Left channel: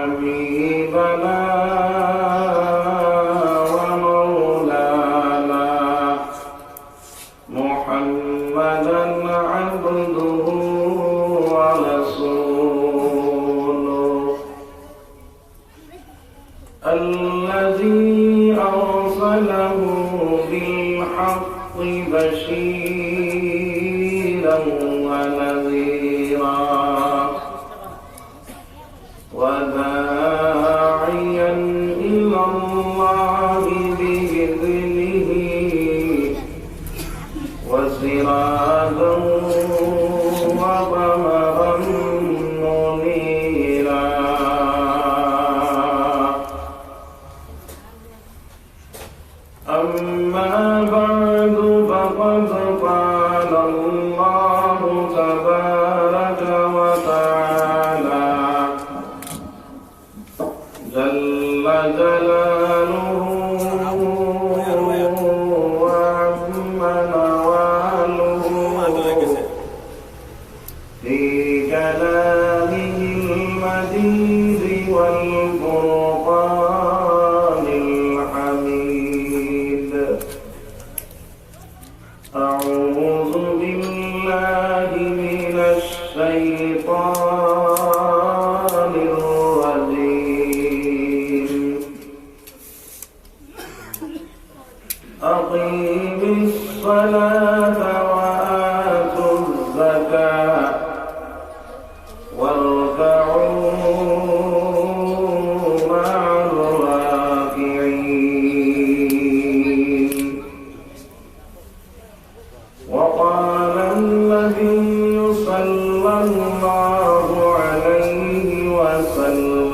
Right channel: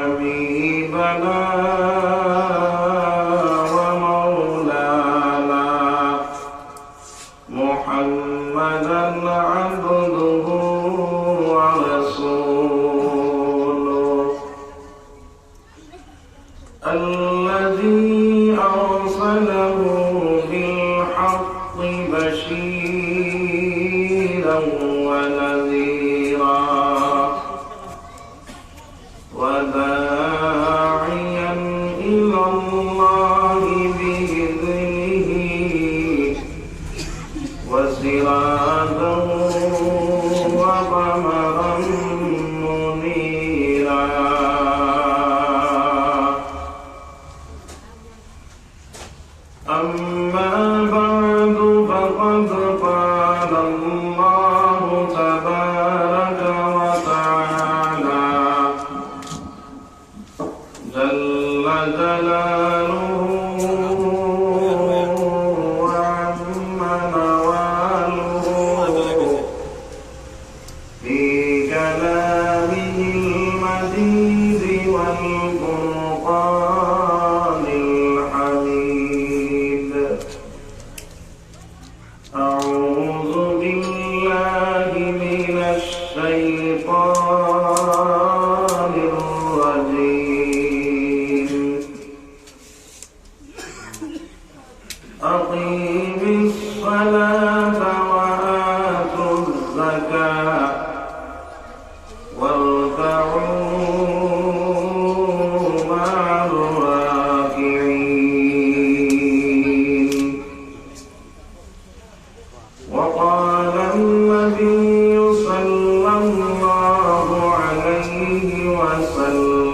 حبيبنا ومولانا محمدا عبده ورسوله الذي أرسله بالحق بشيرا ونذيرا وداعيا إلى الله بإذنه وسراجا وقمرا منيرا أما بعد فقد قال الله تبارك وتعالى جل جلاله وعم نواله في كلامه المجيد والفرقان الحميد أعوذ بالله من الشيطان الرجيم أقيم الصلاة وآتوا الزكاة واركعوا مع الراكعين وقال النبي صلى الله عليه وسلم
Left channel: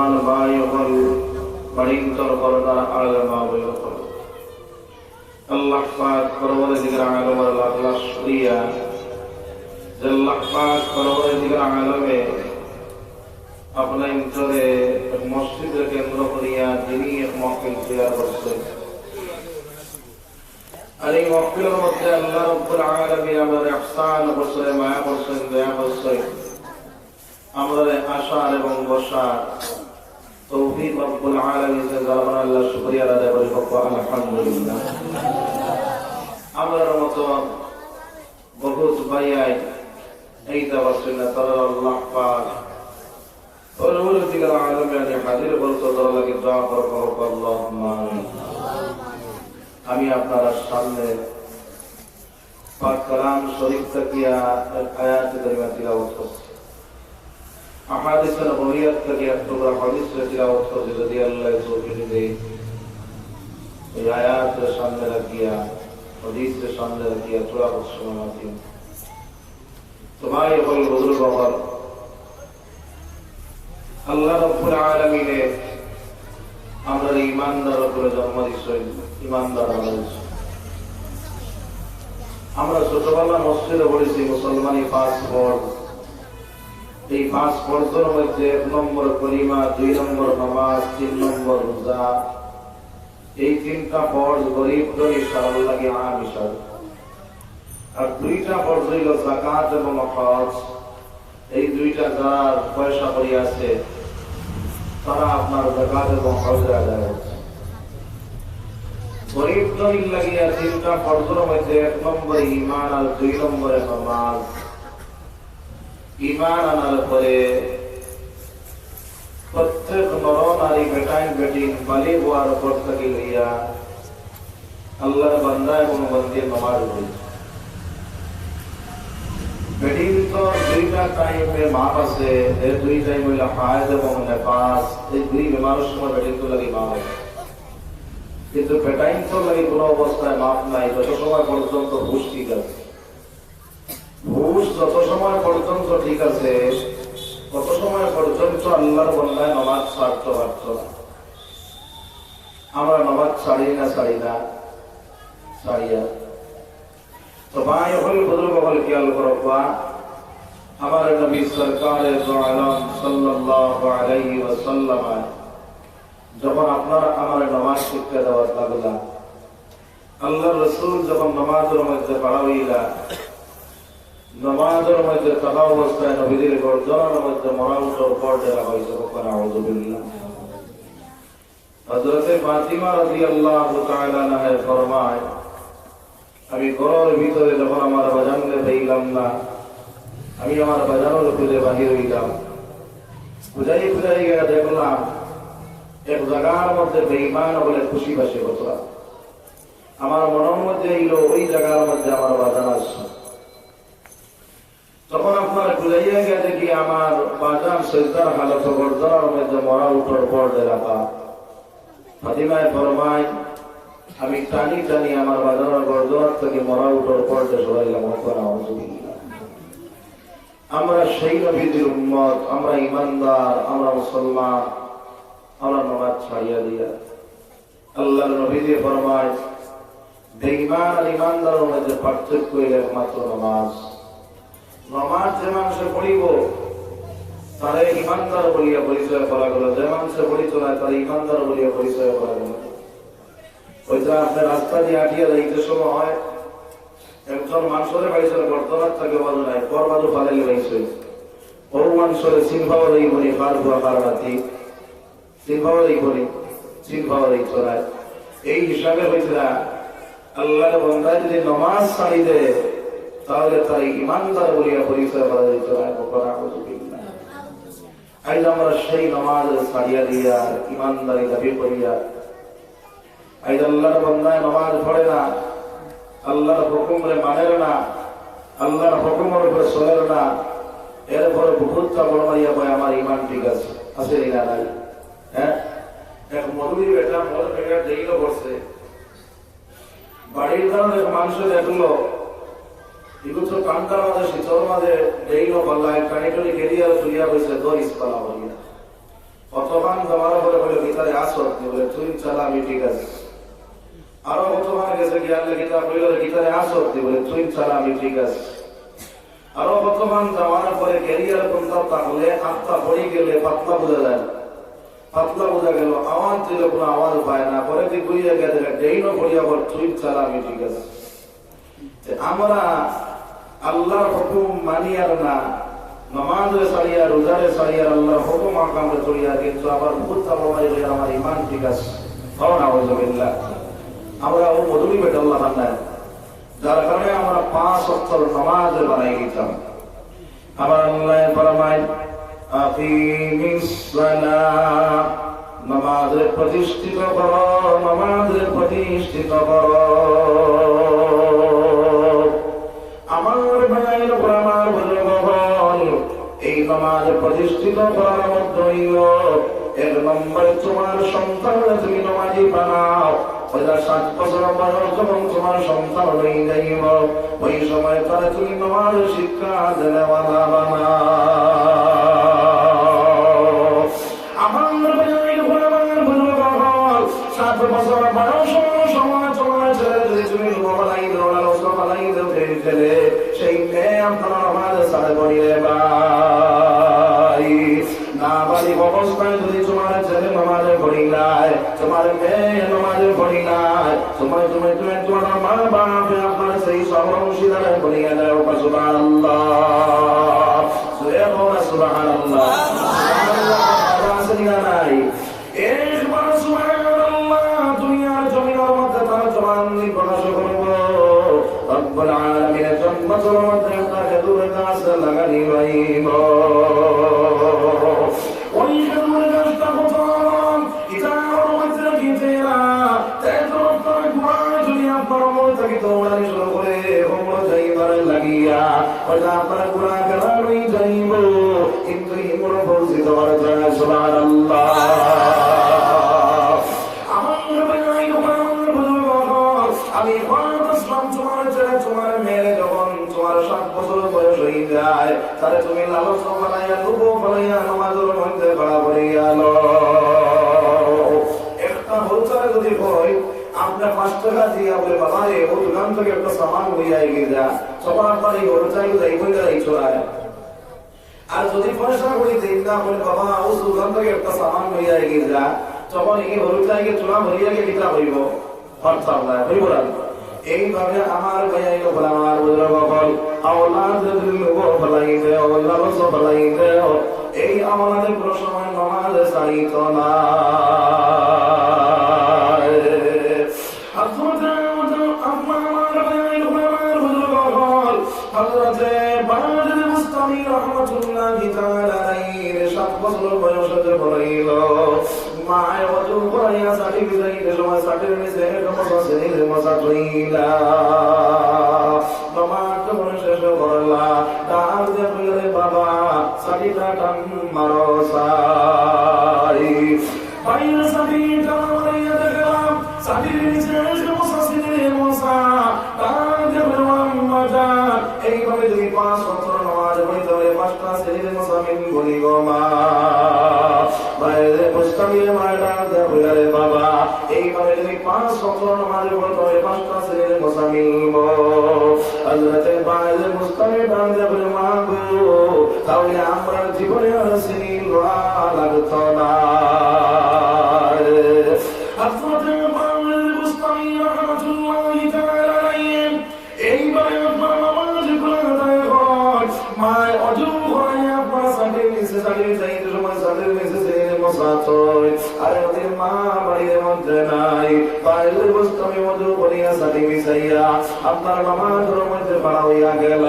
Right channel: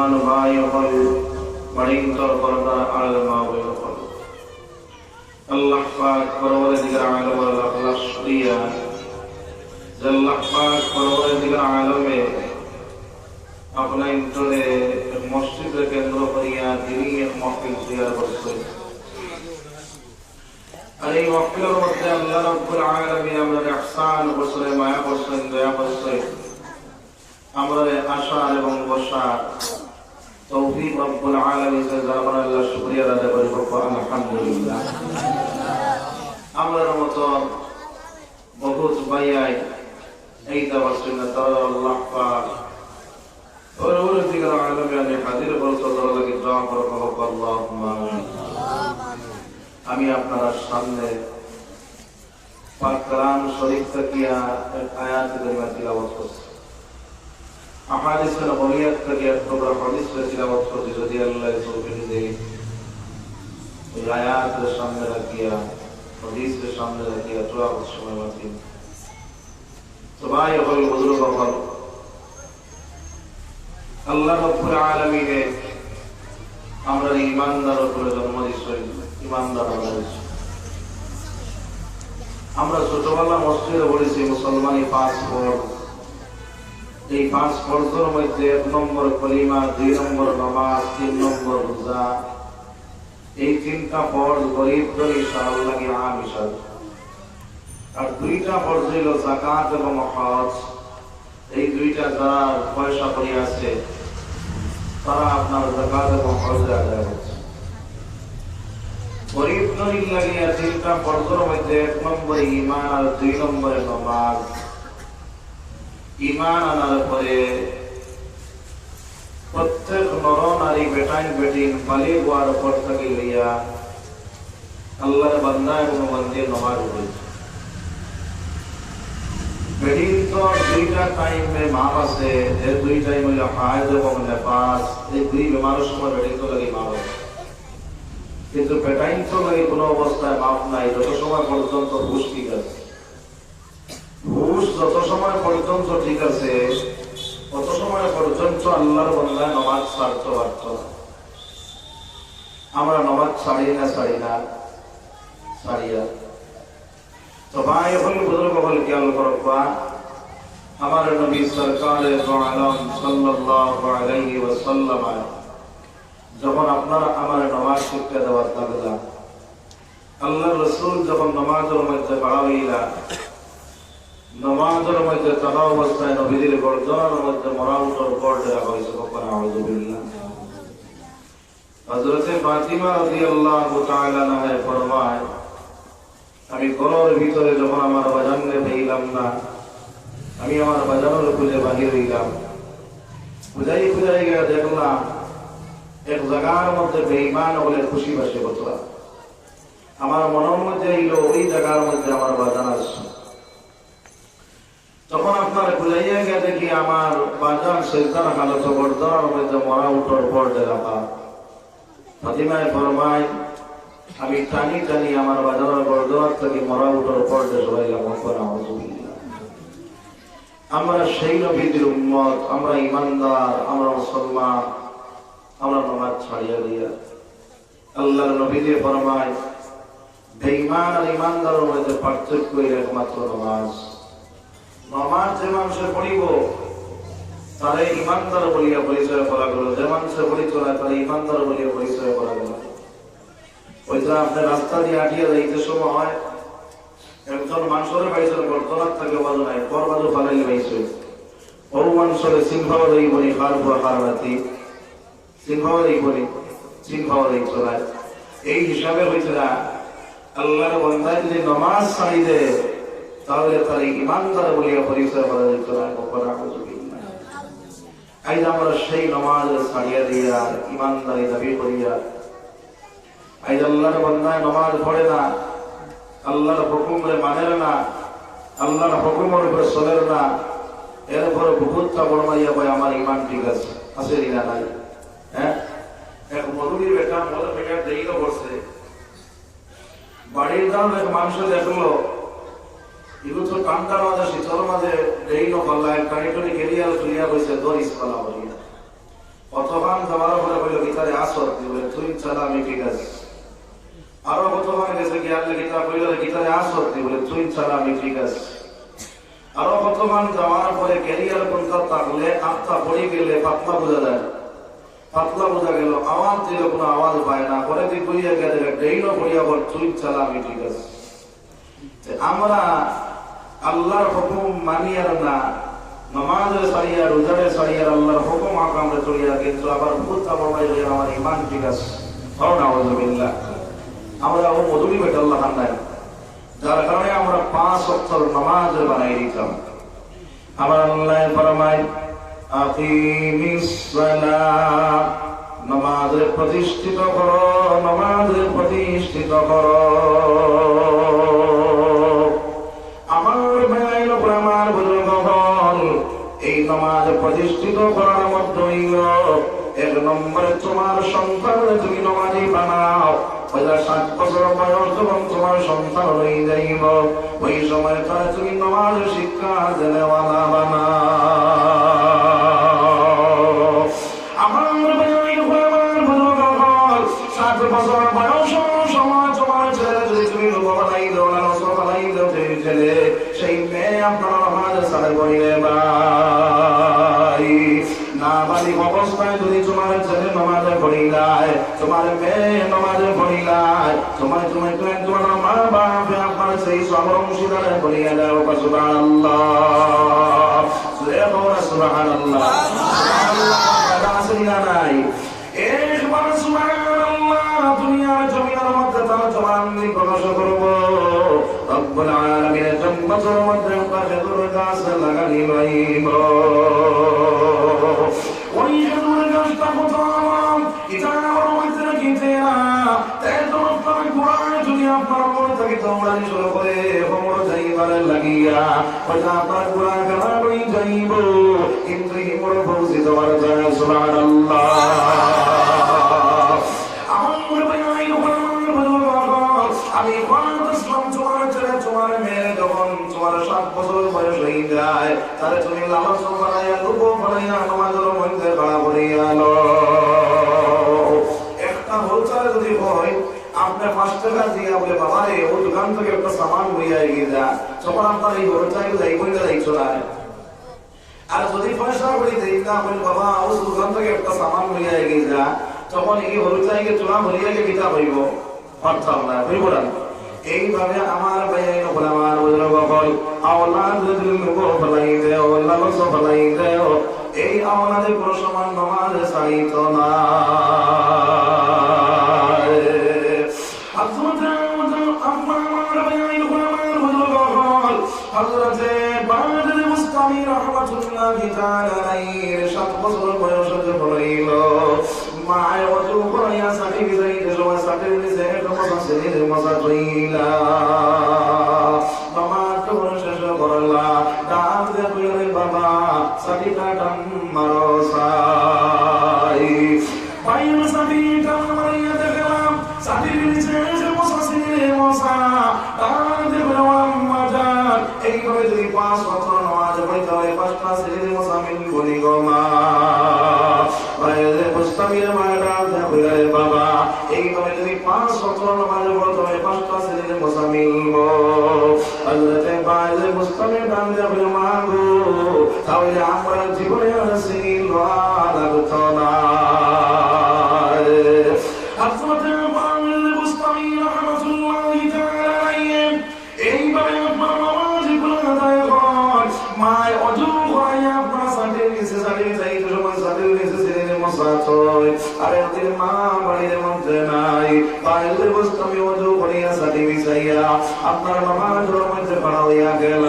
মুসলমান ভাই হল বাড়িন্তর পর্দার আড়াল মা বোন হল আল্লাহ পাক পরওয়ারদিগার আলম আল্লাহ শুকরিয়া আল্লাহ পাক পরওয়ারদিগার আলমে আপনার ভিতরে মসজিদে কেন্দ্র করিয়া তিনি এক মহফিল তৈরি করছেন। আর এই মহফিলের মধ্যে আল্লাহ রাব্বুল আলামিন আমাদের ইহসান করছেন, মায়া করছেন, দয়া করছেন, আমাদের আশার এবং বসার তৌফিক রব্বুল আলামিনের জন্য আল্লাহ শুকরিয়া আদায় করি। আলহামদুলিল্লাহ। আমাদের মতো বহুত ভাইয়াই এই তাওয়াসসুল তারা আল্লাহ পাক পরওয়ারদিগার আলমে হাজির বলতে লাগে দোয়া করব আল্লাহুম্মা আমি আপনার সামনে পাক কালাম শরীফ থেকে আয়াত থেকে তিলাওয়াত করছি, আহাদিস নববিয়ত থেকে একটা হাদিস তিলাওয়াত করছি। যদি আল্লাহ তৌফিক দেয় এই আয়াতের সামনে রাখিয়া হাদিসের সামনে রাখিয়া দোয়া করছি। তোমায় বল বুজুর্গ বাবা আল্লাহ রাব্বুল আলামিনের আমরা ঈমানদার করে জন্ম দিয়েছি, ঈমানদার আমরা ছোটবেলা মসজিদে পড়েছি মুসলমানি 5 ফরজ। এই 5 ফরজের মধ্যে 1 নম্বর কলিমা, 2 নম্বর নামাজ, 3 নম্বর রোজা। এই 3টা ফরজ গরিব করে ইনশাআল্লাহ কি আম ইনশাআল্লাহ। আর 2টা ফরজ হইল যাকাত এবং হজ। এই 2টা যারা পয়সা করে আছে তারা আপনার যাকাত এবং হজ আদায় করছে। গরিব গরিব লাগিয়ে 3টা ফরজের মধ্যে 1 নম্বরে ঈমান আর 2 নম্বরে নামাজ। ঈমান আনার পরে প্রত্যেক নর নারী বেটাই বেটিন বালি গোয়ার পর থেকে লইয়া আল্লাহর বান্দা এবং মন্দির নামাজ পড়ে। বেটিন তো 2টা টাইমে মাপ আছে, এই 2 টাইম হলো হায়দ এবং নেফাস। এই 2 বেমারের সময় বেটিন তো লাগে মাপ আছে, কিন্তু বেটাইন তো লাগে কোনো অবস্থায় মাপ নাই যত সময় পর্যন্ত হুশ ঠিক আছে। হুশ যত সময় পর্যন্ত ঠিক আছে তত সময় পর্যন্ত আল্লাহর বান্দায় নামাজ ছাড়তে পারত না। আমরা নামাজ ছাড়ি না ছাড়িয়া তো ভাই হল বুজুর্গ হল খেয়াল করবা আমার নবী সরকারে দো আলম সাল্লাল্লাহু আলাইহি ওয়াসাল্লাম যখন আপনারা আমার নামাজ শিখতে দেওয়ার লাগলা, আল্লাহ রাসূল যখন নামাজের মধ্যে পড়াইলা, নামাজের মধ্যে তাহা অবস্থায় নবীদের গর্দনের মধ্যে মরাউটের উপর দেওয়া হয়েছে। আউযু বিল্লাহ। হযরতে ফাতিমা রাদিয়াল্লাহু তাআলা আনহা ফরমায়, আমি ঘরের ভিতরে যখন আমার বাজানকে পেলাম না, আমি আমার বাজানের খুঁজে বাহির হইলাম। খুঁজাই গিয়ে দেখলাম এক জায়গার মধ্যে বেঈমান বলে খুশি বাসে কথা। আমার মনের মধ্যে এলো ওই জায়গার মধ্যে আমার বাজান আসছে। তখন আপনার খুঁজাইয়া গিয়ে দেখি আমার বাজান সেজদার হালত গর্দনের মধ্যে মরা উঠার পর দেখা। ফাতিমায় ফরমায়, আমি টানি টানি আমার বাজারের গর্দনের থেকে মরা উঠার পর সরাইলাম। আমরা সেই নবীদের উম্মত, আমরা ইমানদার, আমরা মুসলমান, আমরা নামাজ ছাড়িয়া দিয়া আল্লাহর নবী দিয়ে ফরমায়, বেঈমান আর ইমানদারের মধ্যে পার্থক্য হইল একমাত্র নামাজ। নামাজ যে মানুষে পড়িব তারা ইমানদার বলিয়া পরিচয় করা গেল, যে মানুষে পড়িত না তারা ইমানদার বলিয়া পরিচয় করা গেল। ওইটা আপনার রাস্তা দিয়ে আটিয়া যাইতে সময় হয় একজন মানুষের পাইছে বর্তমান থাকে বাজু নাই, পর বাজু ফালাইলে পাইছে ও মানুষের সিংহাও দেই বলি খার বুয়া খার রাতি সিংহাও দেই বলি সিংহাও দেই চলায়। এই হিসাবে হয়েছে না আল্লাহর বান্দা যদি নামাজ ছাড়ি দেয় তাহলে তার ইমানদার বলিয়া পরিচয় করা যেত না। আজ আমরা সেই নামাজ ছাড়িয়া দিয়া ইমানদারি দাবি করিয়া আজ আল্লাহর বান্দায় নামাজ পড়ে না, আল্লাহর হুকুমে মানে না, আল্লাহর হুকুমের উপরে চলে না, এরপরে বহুতটা বর্ণাইয়া বলে আমার ইমান ঠিক আছে আছে না নাই। হ্যাঁ, এক মধুরীর বেটা মধুর বেটা দেরিও করছে, বাড়ির দাম এক মাংস দেখলো এগুলো তো ঠান্ডার মাঝে শীতল মাঝে দেরিও করলাম টানি টনি কেরিয়া চলিয়া গেছে দরিস কলা বলিয়া কতক্ষণ যাওয়ার পরে বলল গীতারে আসর বলে তুই চালা আমি ঠিক আছে। আরো কতক্ষণ গেছে গিয়ালে গীতা বলল গীতারে আসর বলে তুই চালা আমি ঠিক আছে। আরো কতক্ষণ যাওয়ার পরে ক্যারিয়ার কোনটা থাকলে আত্মা পড়ে গেলে পাতলা বোঝা যায়, পাতলা বোঝা গেল, আওয়াজ দিল কোনো আওয়াজ পায় না, পরে তুই বুঝিয়ে গেছে ডেইনও পড়িয়া বল তুই চালা আমি ঠিক আছে। আমরা আল্লাহর হুকুম মানিয়ার না, নামাজে সারিয়া রোজারে সারিয়া আল্লাহর হুকুম আকামে চলিয়া, কিন্তু আবার ভূত আবহাওয়ায় যে আমার ইমান ঠিক আছে। আউযুবিল্লাহ। আমরা ও মধুরি বেটা আল্লাহ নাই, যার কারণে আমরা 5 ওয়াক্ত নামাজ বানাই দিতাম। আমার আল্লাহ ফরমায় আকিমিস সালাত, নামাজে প্রতিষ্ঠিত করো, নামাজে প্রতিষ্ঠিত করো। আমার ভাই লোকেরা, আমার বুজুর্গগণ, এই নামাজ প্রতিষ্ঠিত করার মধ্যে এক নম্বরে তোমার সন্তান তুমি নামাজি বানাও। 7 বছর বয়স যখন তোমার সন্তান হয়ে যাইব, ওই সময় তার তুমি নামাজ শিক্ষা দেওয়ালা বানাও। আমার ভাই আমার বুজুর্গগণ, 7 বছর বয়স সময় তোমার ছেলে যদি তুমি লোক বানাই দাও না, রসুল বানাই দাও ছেলে, সেই মেয়ে আপনার নামাজ সাথে করিয়ে ভাই না বাড়ি অবস্থায় যদি তোমার ছেলে নামাজে পড়ি নাই, তোমার মেয়ে নামাজে পড়ি নাই, তোমার তোমার মা বাবা আপনার সেই সব অংশীদারে পড়িয়ে দেয়। সুবহানাল্লাহ, সুবহানাল্লাহ, নাই এই সুবহানাল্লাহ। দুনিয়ার জমিনের মধ্যে তারা জবান দিয়ে প্রকাশ করব, রব্বুল আলামিনের জন্মতের মধ্যে আমরা খেজুর গাছ লাগানি হইব। ওই খেজুর গাছটা কত এটা মধ্যে গিয়ে না, আপনার গোড়ায় যদি আপনার মনে থেকে দৌড়ানি শুরু করে যাইবার লাগিয়া ওইটা আপনার গোড়া গেলা লই যাইব, কিন্তু হিমর ফৌজি তোমার যায়। সুবহানাল্লাহ। আমি তোমার ছেলে তোমার মেয়ে যখন তোমার 7 বছর বয়স হয়ে যায়, তাহলে তুমি লালন বানাইয়া লুকো বানাইয়া নামাজের মধ্যে ভাড়া করিয়া লো। একটা হোলচালে যদি হয় আপনার 5 টাকা দিয়ে বলে বাবা রে ওই দোকান থেকে একটা সামান হইয়া গিয়ে যা, তখন আপনার এই হোলচাইল এই বইটা এই চলায়। আর যদি পয়সা করে দেই না বলে বাবা ওই দোকান থেকে একটা সামান হইয়া গিয়ে যা, তখন এই হোলচাইকে চলা হইয়া গিয়ে কিতা হইব, অর্থাৎ না হইব না। এইভাবে আমার ভাইয়াই লোক আমার বুজুর্গগণ আওলাদ লোক ফলাই দেও, লালস ফলাই দেও, এই আওলাদের কোনো সময় নামাজ ছাড়িত না। হযরতে বাদর মুস্তামি রাহমাতুল্লাহি তাআলা আলাইহি 7 বছর বয়সে হইল, মায় ওযু করিয়া সাথী যাইতে সময় সাথীর নিচে মসাসের মসা কইলা, বাবা তোমরা শেষ করলা, ডাক দে বলে বাবা সাথীটা টান মারো সাই। বাইরে সাথীটা মারিয়া দেখলাম সাথীর নিচে মসাসের মসা, ডাক দে বলে আম্মা জান এইভাবে তুমি 5 বছর নামাজ পড়তে হয়, 5টা ছেলে মুসাফির বলি গো মা। বাইরে মুস্তামির মায়েরা দে বলে বাবা এইভাবে তুমি 5 বছর নামাজ পড়তে হয়, 5টা ছেলে মুসাফির গো। হযরতে বাইরে মুস্তামির ডান দে বলে মা গো, তাহলে আমরা জীবনে আর সিল লাগতো না। হযরতে বাইরে মুস্তামির রাহমাতুল্লাহি তাআলা আলাইহি এইভাবে আপনার নামাজ আদায় করেন, মায় ওযু করিয়া আপনার সাথে নিচে সাথে যাইতে সময় সাথে নিচে ছেলে মসাতই, আর এদের মা বাড়ির মধ্যে নাই, বাইরে মুস্তামি ওযু করিয়া সাথে মিশাইয়া আপনার নামাজের মধ্যে পড়া হইয়া গেল।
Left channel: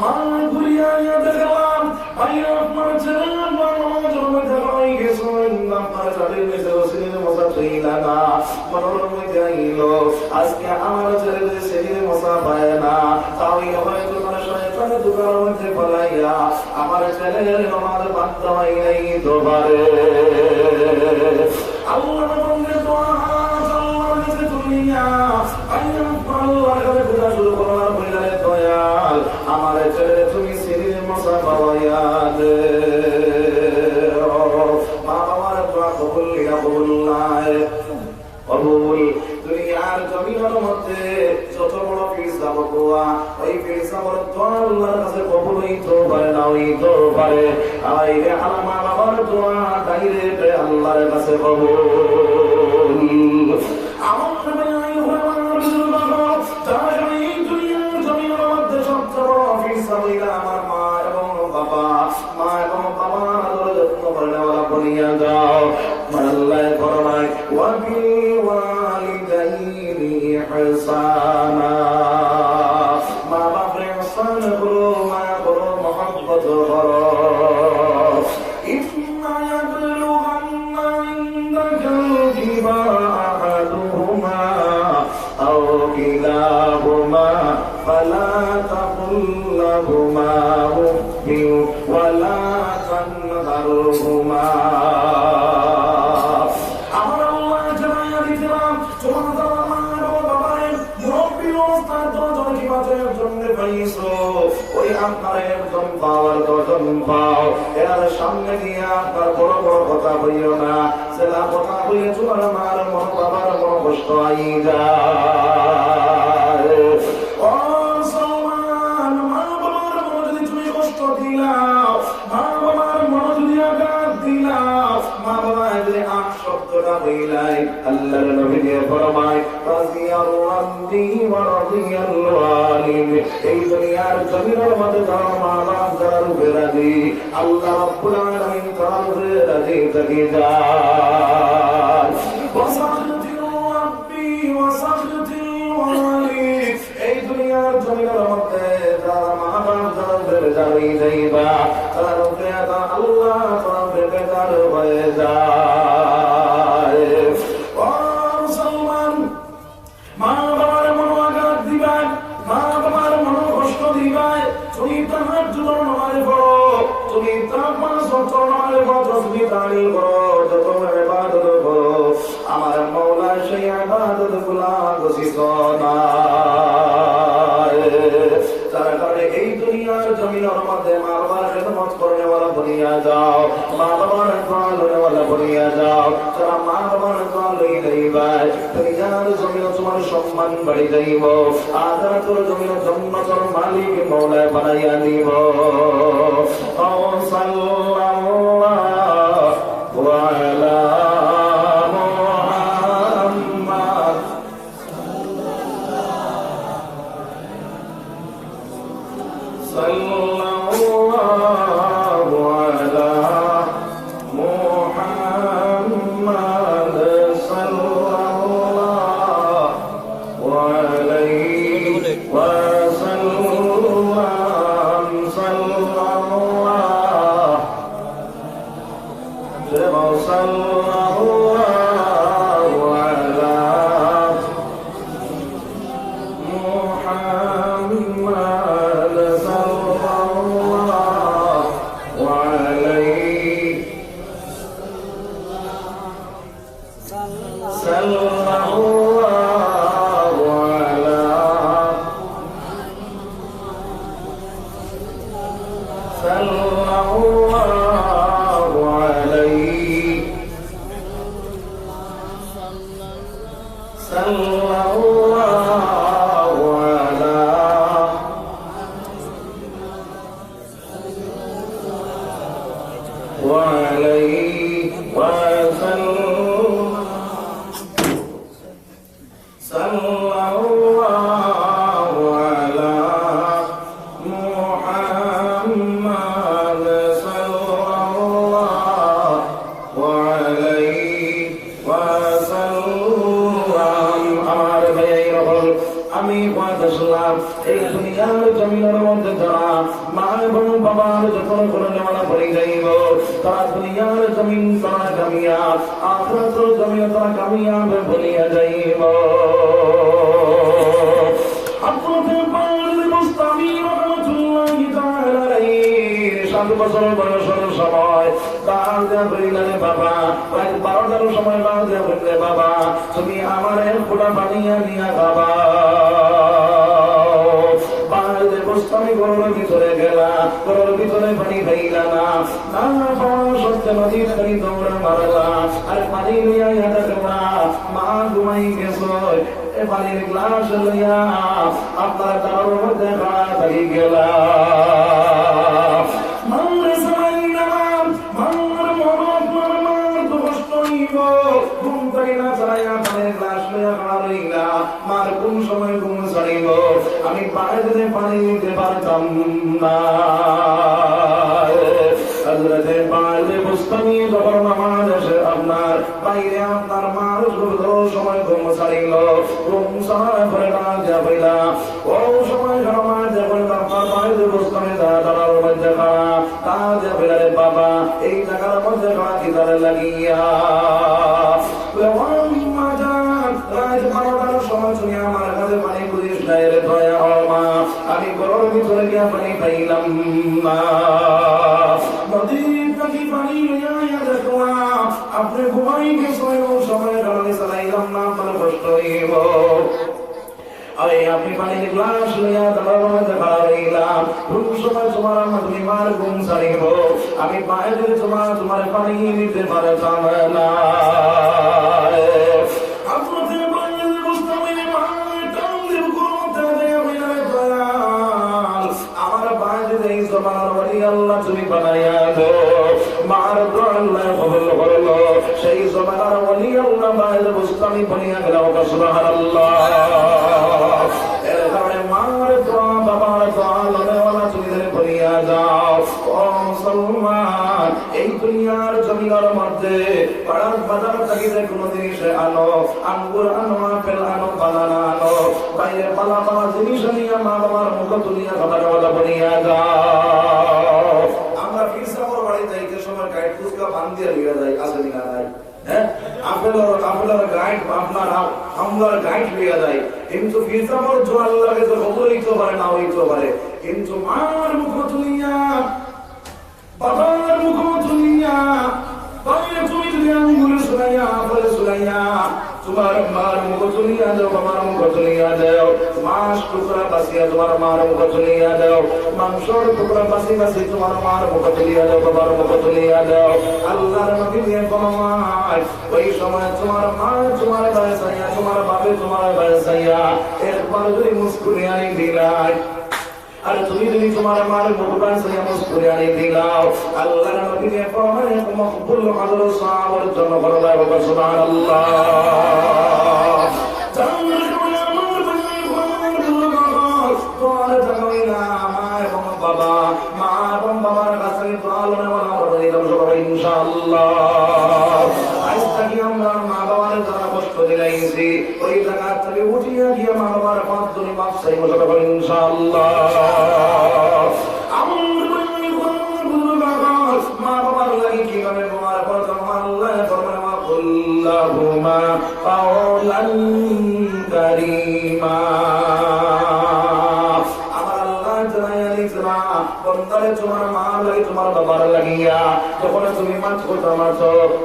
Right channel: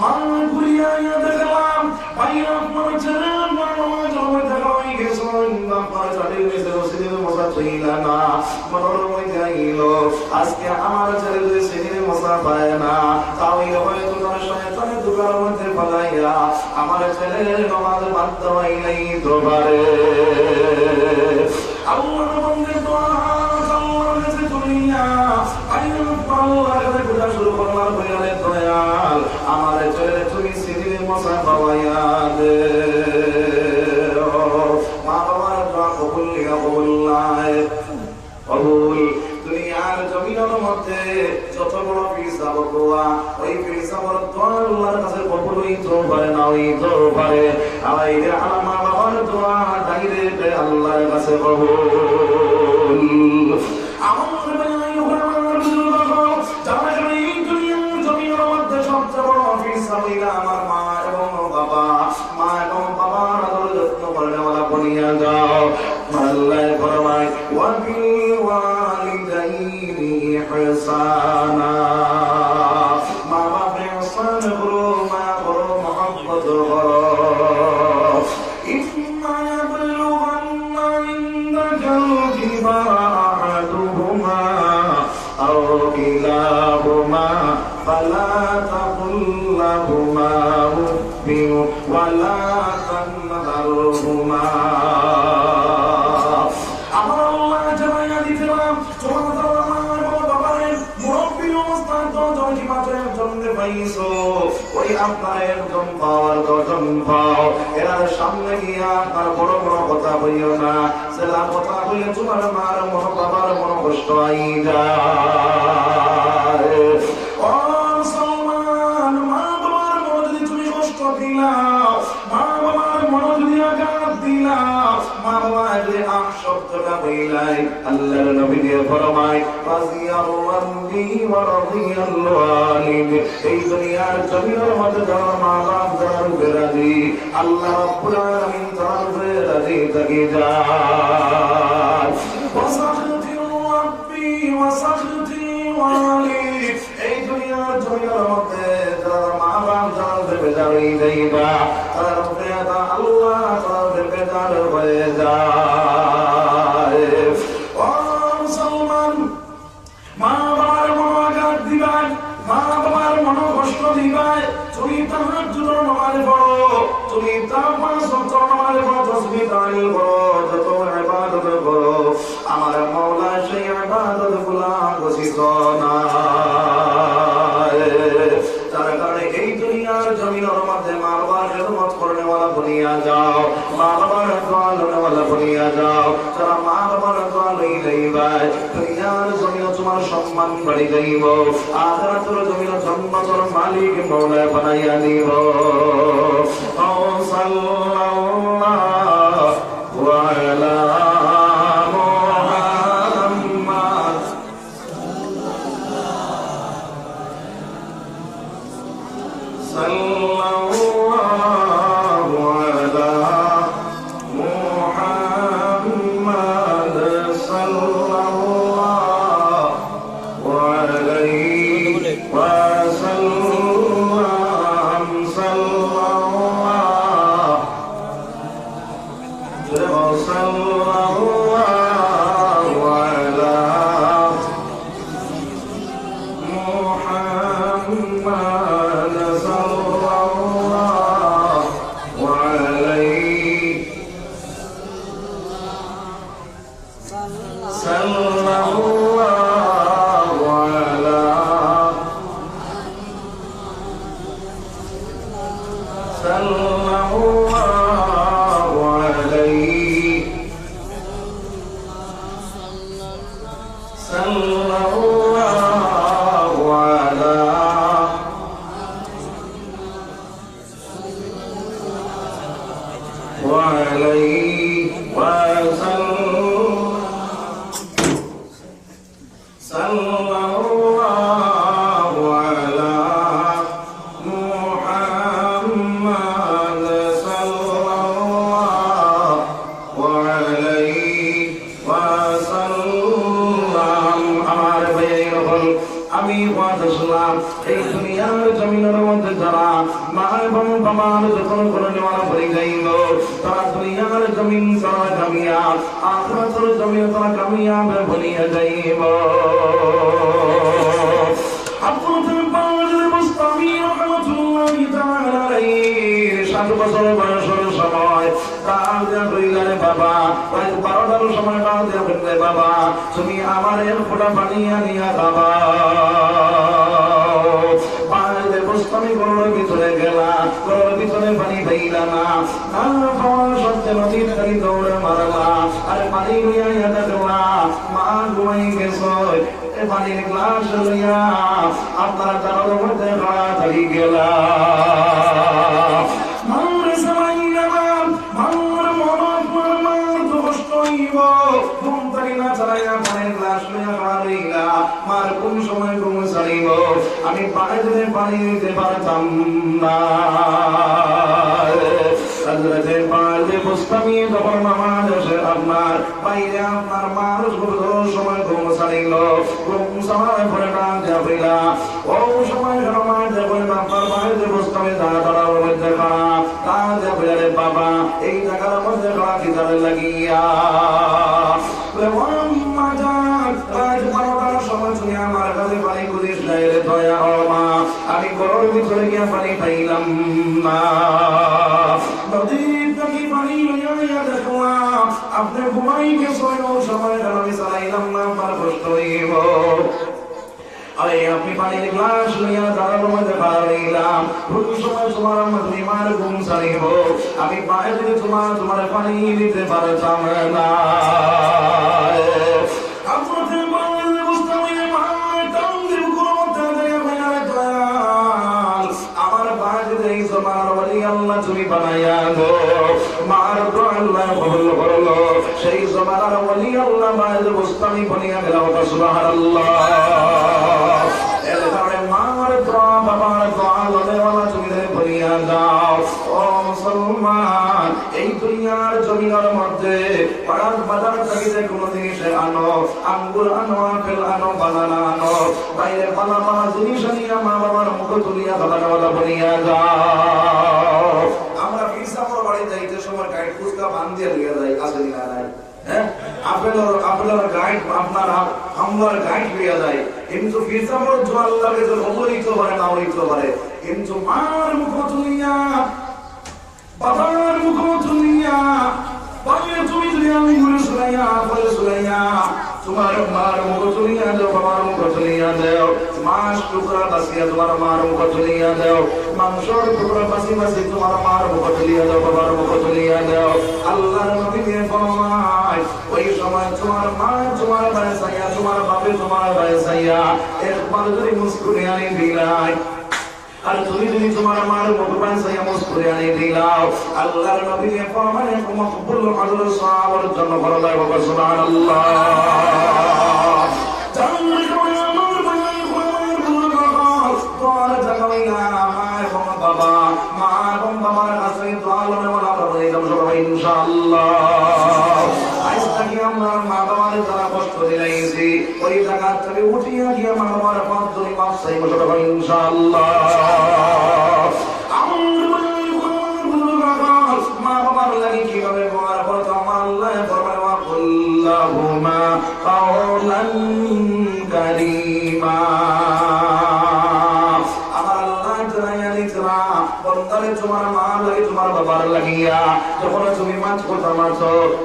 মায় ঘুরিয়া দেখলাম বাইরে আপনার ছেলে নামাজের মধ্যে রয়ে গেছে, আপনার সাথে নিচে ছেলে মসাতই না, মনোর মধ্যে আইল আজকে আমার ছেলে যদি ছেলে মশা পায় না, তাহলে হয়তো শয়তানের দোকানের মধ্যে ফলাইয়া আমার ছেলের নামাজ বাধ্য হইয়াই তো পারে। আল্লাহর বন্দের দোয়া আল্লাহর কাছে তুলিয়া আল্লাহর কাছে খোদা শুরু করার হইলে দয়াল আমার ছেলে তুমি ছেলে মশা পাওয়াইয়া দে। হইতেও পারে না হইতেও পারে। আইরে আমার বাবার দোয়া ডাইরেক্ট আল্লাহর কাছে কবুল। আমার ভাই আমার বাবা যারা এই দুনিয়ার জমিনের মধ্যে সবচেয়ে বড় ফিসাবিলা আমার মা এবং বাবা, মা এবং বাবার আদর যত্ন করে নেওয়া বনিয়া যাও। আল্লাহ ফরমায় ওয়া বিল ওয়ালিদাইনি ইহসানা, মা বাবা ইহসান করো, মা করো মহব্বত করো। ইম্মা ইয়াবলুগান্না ইনদাকাল কিবারা আহাদুহুমা আও কিলাহুমা ফালা তাকুল লাহুমা উফিন ওয়ালা তানহারহুমা। সামনে গিয়া তার বড় বড় কথা বলিও না, সেটা কথা বলে তোমার মার মনো বাবার মনো কষ্ট আই যায়। ও মুসলমান, মা বাবার মনো যদি তুমি কষ্ট দিলাও, মা বাবার মনো যদি আঘাত দিলাও, মা বাবা যদি আম শব্দটা বইলাই, আল্লাহর নবী দিয়ে ফরমায় রাদিয়াল্লাহু ওয়া রাদিয়াল্লাহু আনহু, এই দুনিয়ার জমিনের মধ্যে যারা মা বাপ যারা রূপে রাজি, আল্লাহ রাব্বুল আলামিন তার রূপে রাজি থেকে যায়। ওয়াসাখতি রাব্বি ওয়াসাখতি ওয়ালিদ, এই দুনিয়ার জমিনের মধ্যে যারা মা বাপ যারা রূপে যাই যাইবা, তার রূপে আল্লাহ তার রূপে যার হয়ে যায়। ও মুসলমান, মা বাবার মনো আঘাত দিবাই, মা বাবার মনো কষ্ট দিবাই, তুমি তাহার জন্য নামাজ পড়ো, তুমি তার পাঁচ ওয়াক্ত নামাজ পড়ো, তাসবিহ তাহলিল করো, যত ইবাদত করো, আমার মাওলা সেই ইবাদতগুলো গছিত না। তার কারণে এই দুনিয়ার জমিনের মধ্যে মা বাবার খেদমত করনেওয়ালা বনিয়া যাও, মা বাবার দোয়া লনেওয়ালা বনিয়া যাও। যারা মা বাবার দোয়া লই যাইবাই, দুনিয়ার জমিনে তোমার সম্মান বাড়ি যাইব, আখিরাতের জমিনে জান্নাতের মালিক মওলা বানাইয়া দিব। সাল্লাল্লাহু আলা মুহাম্মাদ সাল্লাল্লাহু আলা মুহাম্মাদ সাল্লাল্লাহু আলাইহি ওয়াসাল্লাম সাল্লাল্লাহু আলা মুহাম্মাদ সাল্লাল্লাহু আলাইহি সাল্লাল্লাহু আলা সাল্লাল্লাহু আলাইহি সাল্লাল্লাহু আলা ওয়া আলাইহি ওয়া সাল্লাল্লাহু আলা মুহাম্মাদ সাল্লাল্লাহু আলাইহি ওয়া সাল্লাম। আমার ভাইয়েরা, আমি ওয়াদাসলাম এই দুনিয়ার জমিনের মধ্যে যারা মা এবং বাবার যত্ন করে নেওয়া পড়ে যাইব, তারা দুনিয়ার জমিন তারা কামিয়াব, আখিরাতের জমিন তারা কামিয়াব বনিয়া যাইব। আব্দুল বারির মুস্তামি রাহমাতুল্লাহি তাআলা আলাইহি 7 বছর বয়সের সময় তার দেয়া বলিলেন, বাবা প্রায় 12টার সময় বাদে বললে, বাবা তুমি আমার এক ফোঁটা পানি আনিয়া খাবা। আমি গরুর ভিতরে গেলাম, গরুর ভিতরে পানি পাইলা না, সত্যি নদীর খালি দৌড়ে মারলাম, আর পানি লইয়া দেখলাম মা ঘুমাই গেছ। পানির গ্লাস লইয়া আপনার তার মধ্যে তাড়াতাড়ি গেলাম। হইব ঘুম থেকে না ছাড়াইয়া পানির গ্লাস লইয়া খাওয়া রইলা মার কোন সময় ঘুম ছাড়িব আমি বাইরে পানি দিতে পারতাম না হযরতে পারলে মুস্তামি যখন নামাজ এসে আপনার বাইরে আপনার মানুষ সময় ঘুম ছাড়িল ঘুম ছাড়ার পরে ডাক যাবেলা ও সময় নামাজ যাবেন আপনার বাইরে মুস্তামি দাঁড়া মধ্যে খারাপ ডাক যাবে বাবা এই জায়গার মধ্যে খারাপ কি তালে লাগিয়া আমি গরুর ভিতরে গিয়া পানি পাইলাম না নদীর নাকি পানি লইয়া দেখলাম আপনি ঘুমাই গেছেন ও সময় আমি চালাইলাম না আমার কষ্ট হইব আরে আপনি পানির গ্লাস লইয়া দাঁড়ানোর মধ্যে পাইলাম কোন সময় তোমার মাঝে মার ঘুম ছাড়িব আমি বাইরে তোমার পানি দিতে পারতাম না আল্লাহ তুমি বানায়া গো মার আল্লাহ কবুল করলো সেই জমানার ওলি আল্লাহ মায়ের বুস্তানি বানিয়া গেল সুবহানাল্লাহ এর কারণে মার দোয়া বাবার দোয়া লনেওয়ালা তুমি বানিয়া যাও ও মুসলমান এই দুনিয়ার জমিনের মধ্যে পাড়ার বাজার থেকে কোনো জিনিস আনো আঙ্গুর আনো আপেল আনো বানানা আনো বাইরে পালা পালা জিনিস নিয়ে মা বাবার মুখ তুলিয়া বানানোয়ালা বানিয়া যাও আমরা ফিরসা পর বাড়ি যাইতে সময় গাইড ফুসকা বান দিয়ে লিয়ে যায় আছে না নাই হ্যাঁ আপনার গাইড আপনার গাইড লিয়ে যায় কিন্তু ফিরসা পর जो আল্লাহ के जो হইতো পারে না হইতো পারে কিন্তু মার মুখ তুলিয়া বাবার মুখ তুলিয়া বাইরে তুমি যদি আমি গুলি শুনাইয়া আপনার শুনাইয়া তোমার মার মুখ তুলিয়া দাও বাবার মুখ তুলিয়া দাও মাছ টুকরা বাসিয়া তোমার মার মুখ তুলিয়া দাও মাংসর টুকরা বাসি বাসি তোমার মার মুখ তুলিয়া দাও বাবার মুখ তুলিয়া দাও আল্লাহর নবী ফরমায় ওই সময় তোমার মা তোমার ভাইসাইয়া তোমার বাবা তোমার ভাইসাইয়া একবার যদি মুস্কুরিয়া দিলাই আর তুমি যদি তোমার মার মুখবান সাইয়া মুস্কুরিয়া দিলাও আল্লাহর নবী ফরমায় মকবুল আজর সাওয়ার জন্য বলা হবে সুবহানাল্লাহ বাবা মা এবং বাবার কাছে দোয়া লনেওয়ালা হয়ে যাবো সবাই ইনশাআল্লাহ আজ থেকে আমরা মা বাবার যারা কষ্ট দিলাইছি ওই জায়গা থেকে উঠিয়া গিয়ে মা বাবার পাঁচ দুই মাস চাইবো সবাই ইনশাআল্লাহ মা বাবার লাগে কিভাবে তোমার কথা আমার আল্লাহ আল্লাহুম্মা কাওলান কারীমা তোমার মা লাগে তোমার বাবার লাগিয়া যখন তুমি মাছ কথা মাছ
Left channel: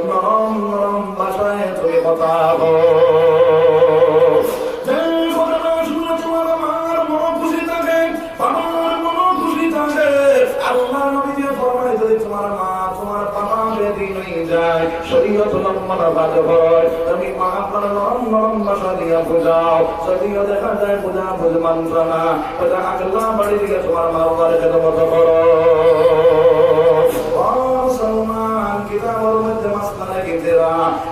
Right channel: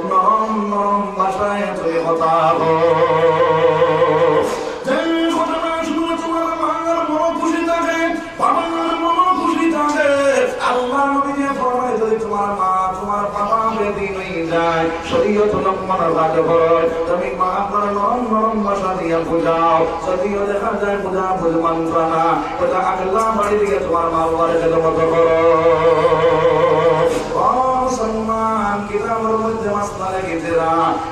নরম নরম ভাষায় তুমি কথা তোমার মার মন খুশি থাকে বাবার মন খুশি থাকে আল্লাহ নবী যে ফরমায় যদি তোমার মা তোমার বাবা বেদি হয়ে যায় শরীয়ত লম্বন কাজ করো তুমি মা আপনার নরম নরম ভাষা দিয়ে বুঝাও যদিও দেখা যায় বুঝা বুঝমান না তাহলে আল্লাহ বাড়ি দিকে তোমার মা বাবার খেদমত করো মুসলমান কিতাবের মধ্যে মাসলা লেগেছে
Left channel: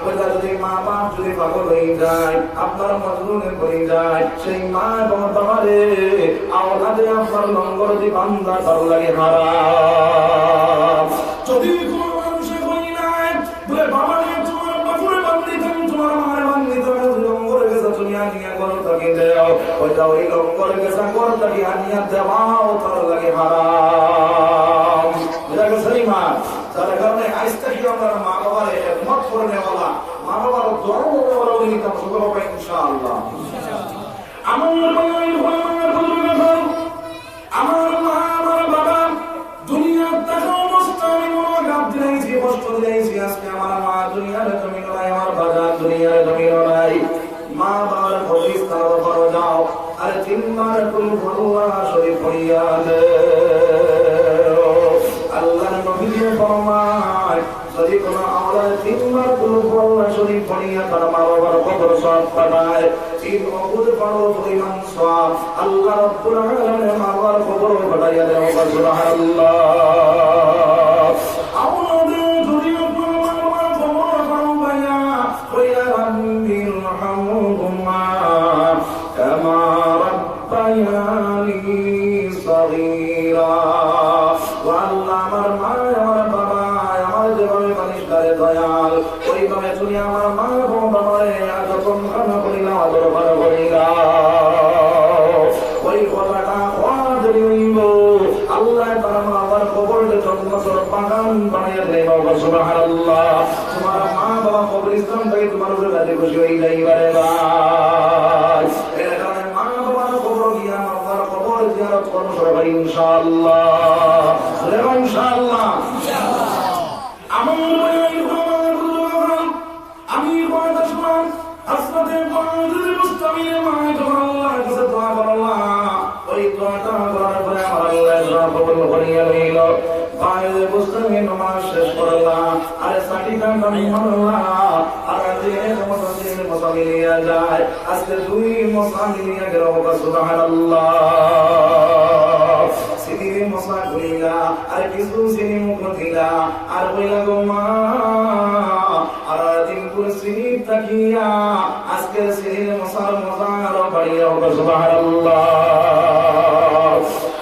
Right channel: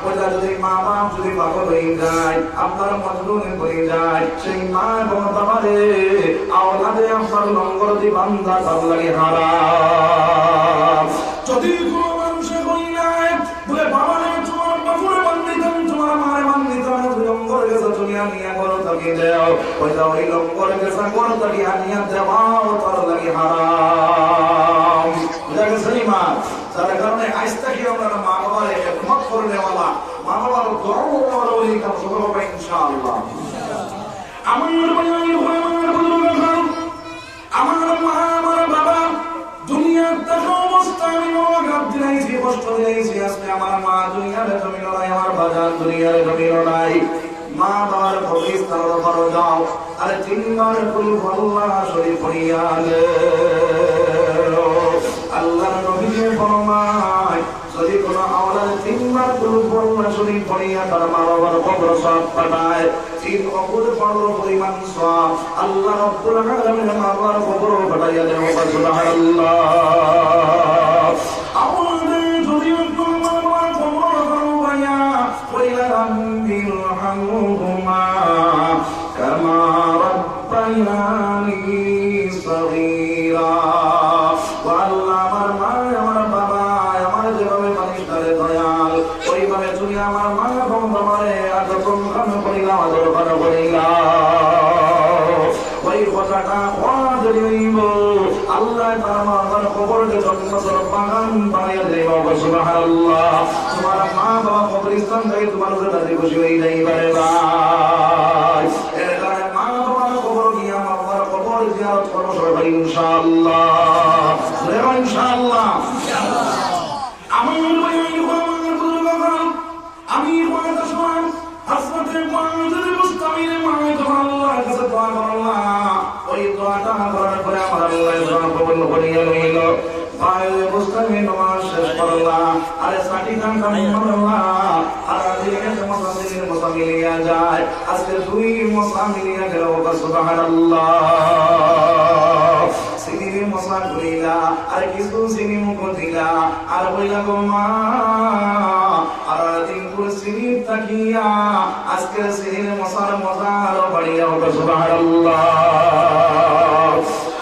বলে যদি মা বাপ যদি পাগল হয়ে যায় আপনার মজলুমে হয়ে যায় সেই মা এবং বাবারে আওলাদে আপনার লঙ্গর জীবনটা তার লাগে হারাম যদি কোনো মানুষে হই নাই বলে বাবারে তোমার বাবুরে বান্দিতাম তোমার মারে বান্দিতাম লঙ্গর গেছে দুনিয়া নিয়ে করো তাকে দেও ওই লঙ্গর গেছে করো তাকে আনিয়া দেওয়াও তার লাগে হারাম বুঝা গেছে মা তার কারণে আজ থেকে আমরা মা বাবার একমত করে নেওয়ালা মা বাবার ধর্ম শুরু হবে ইনশাআল্লাহ আমার মা আমার বাবা দুনিয়ার টাকা অবস্থা আমি মনোগ্রাম দিলাইছি কষ্ট দিলাইছি আজকে আমার মা দুনিয়ার জমিন নাই আমার বাজার দুনিয়ার জমিন নাই মা বাবার ভবিষ্যৎ তাও করো যাও আরে তিনবার কুল আল্লাহ শরীফ পড়িয়া আল্লাহ নবী ফরমায় যদি কোনো আওলাদ তিনবার কুল আল্লাহ শরীফ পড়িয়া তার মা বাবার কবর সওয়াব পাঠায় তিন অকুল পড়ো পরিমাণ সওয়াব আল্লাহ রাব্বুল আলামিন মা বাবার কবর পাঠাইয়া দেন সুবহানাল্লাহ আওলাদে যদি কবর পাঠাইয়া সুবহানাল্লাহ। তোমার মা বাবা কবরস্থান থেকে তোমার কাছে খুশি হয়ে যাইবারে ভাই। এর কারণে মা বাবার কবর গিয়া মা বাবার কবর জিয়ারত করব সবাই ইনশাআল্লাহ। ইনশাআল্লাহ আমার আমি ওয়াদাসমান হাসনাতে মানজুল মুস্তামির মাই তোমার আল্লাহর কাছে দোয়া করলাম। ওই দোয়াটা করার পরে আমার আল্লাহ দোয়া কবুল করিয়া লইল। বাইরে মুস্তামির নামাজ শেষ করলাম। আরে সাটি কাটা মারলাম। আর যে মুসাফির মুসাফিরিয়া যায় আজকে দুই মুসাফিরিয়া গেল সুবহানাল্লাহ। সিনিরে মুসা কইলা আর কিছু সিনি মুখ দিলা আর কইলা গো মা আর দিন পুরো সিনি তাকিয়া আজকে সিনিরে মুসার মজা আর বাড়িয়া ওটা সুবহানাল্লাহ।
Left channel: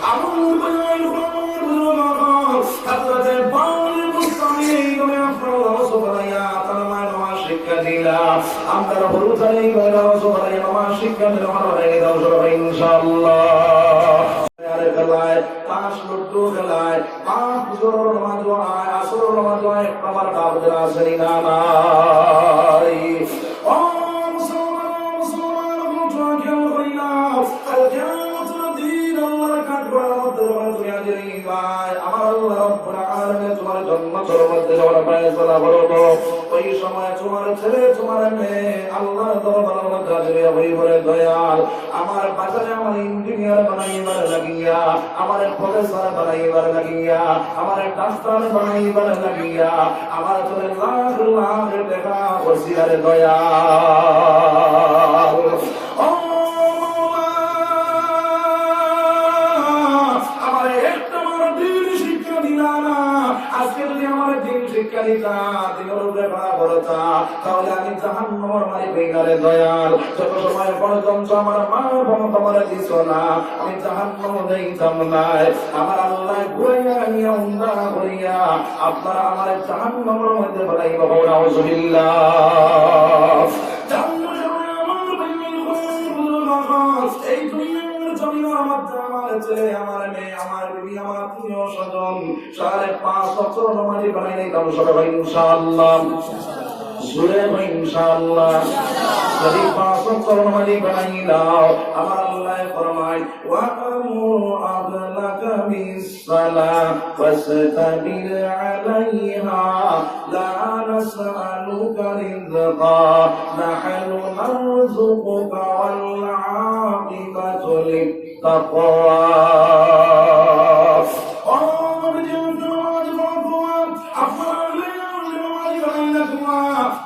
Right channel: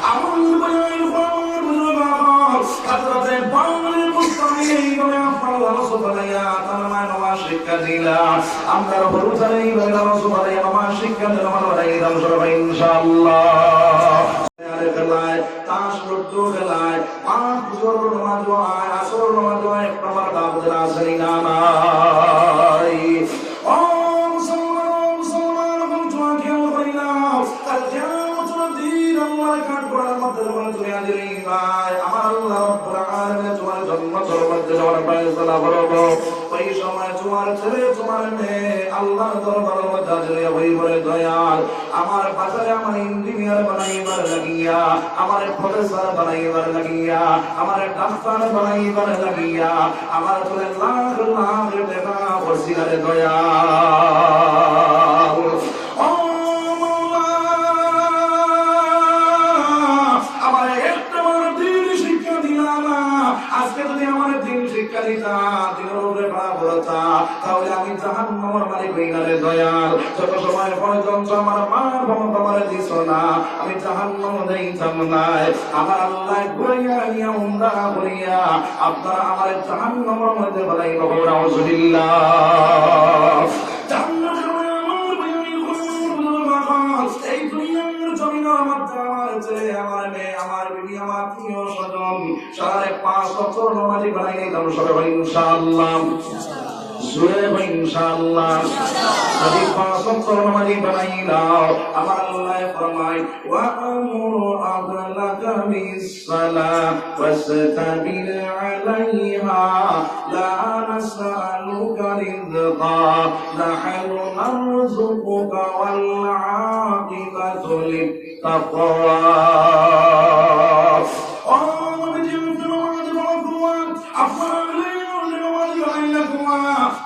আমল বানাই খবর বুঝো বাবা হাতরাতে বাউল মুস্তামি এইভাবে আল্লাহ সুবহানাল্লাহ তাআলা নামাজ শিক্ষা দিলা। আমরা হরুতাই গয়রা সুবহানাল্লাহ নামাজ শিক্ষা দিলা আমরা এই দাও সবাই ইনশাআল্লাহ। খেলায় তাস লুডু খেলায় পাঁচ জোর নামাজ হয় আসর নামাজ হয় প্রমাণ দাবদের আসরি না নাই। ও মুসলমান মুসলমান খেল করিনা কাল কিয়ামতের দিন আল্লাহর কাঠ করার মধ্যে যখন দুনিয়া দিই ভাই আমার আল্লাহ রব্বুল আলামিন তোমার জন্য মধ্যে যাওয়ার ফয়সালা করব। ওই সময় তোমার ছেলে তোমার মেয়ে আল্লাহর দরবারে মধ্যে হই বলে দয়াল আমার বাজারে আমার ইঞ্জিনিয়ার বানাইবার লাগিয়া আমার প্রফেসর বানাইবার লাগিয়া আমার ডাক্তার বানাইবার লাগিয়া আমার ছেলে লাখ লাখ টাকা ওসিলারে দয়াল। ও আমার একটা দিন শিক্ষা দিলা না। আজকে যদি আমার দিন শিক্ষা দিতা দিনের উপরে ভাড়া করতা তাহলে আমি জাহান্নামের মালিক হয়ে গেলে দয়াল। যত সময় পর্যন্ত আমার মা বাবা আমার দিছ না আমি জাহান্নামে যাইতাম না। আমার আল্লাহ ঘুরাইয়া নিয়া উমরা করিয়া আপনারা আমার জাহান্নামের মধ্যে বানাইবা বলা আউযুবিল্লাহ। এই দুনিয়ার জমিনের মধ্যে আমার ছেলে আমার মেয়ে আমার বিবি আমার আত্মীয় স্বজন 5.5 বছর নামাজি বানাই দিতাম সবাই ইনশাআল্লাহ। জুড়ে ইনশাআল্লাহ যদি 5 বছর নামাজি বানাই দাও আমার আল্লাহ ফরমায় ওয়া আমুরু আহলাকা বিস-সালাহ ওয়াসতাবির আলাইহা লা নাসআলুকা রিজকা নাহনু নারযুকুকা ওয়াল আকিবাতু লিত-তাকওয়া।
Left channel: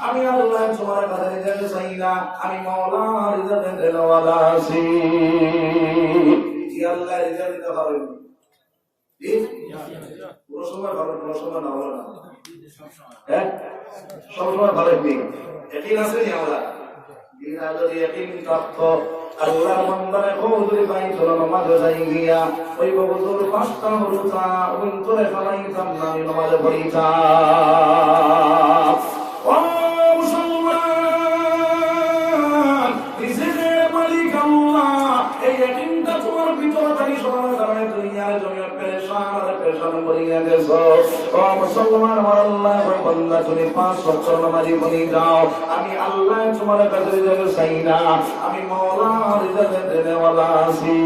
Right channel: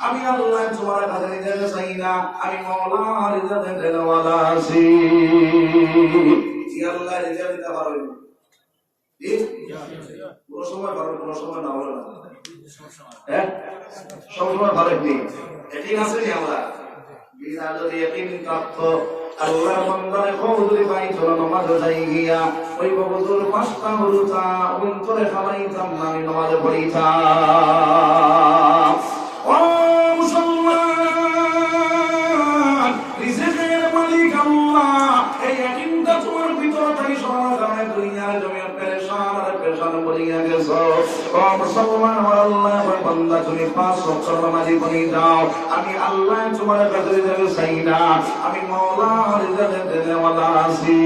আমি আল্লাহ তোমার কাছে রিজিক চাই না আমি মাওলা রিজিক দেওয়ালা আছি। কি আল্লাহ রিজিক দিতে পারবে? ঠিক কোন সময় পারবে কোন সময় না হবে না। হ্যাঁ সব সময় পারবে কি একই আছে নি আমরা বিনা যদি একই প্রাপ্ত আল্লাহ বান্দারে কবুল বাইতুল নামাজ যাই গিয়া ওই বগুজুর 5টা হুরুতা অন্তরে খাওয়াইতাম না আমি নামাজ পড়িতাম। ও মুসলমান রিজিকের মালিক আল্লাহ এই একইটা তোমার ভিতর থেকে সরানোর কারণে দুনিয়ার জমি পেরেশান করিয়া গেছো। ও মুসলমান আমার আল্লাহ বান্দা তুমি 5 বছর নামাজি বনি দাও আমি আল্লাহ তোমার কাছে রিজিক চাই না আমি মাওলা রিজিক দেওয়ালা আছি।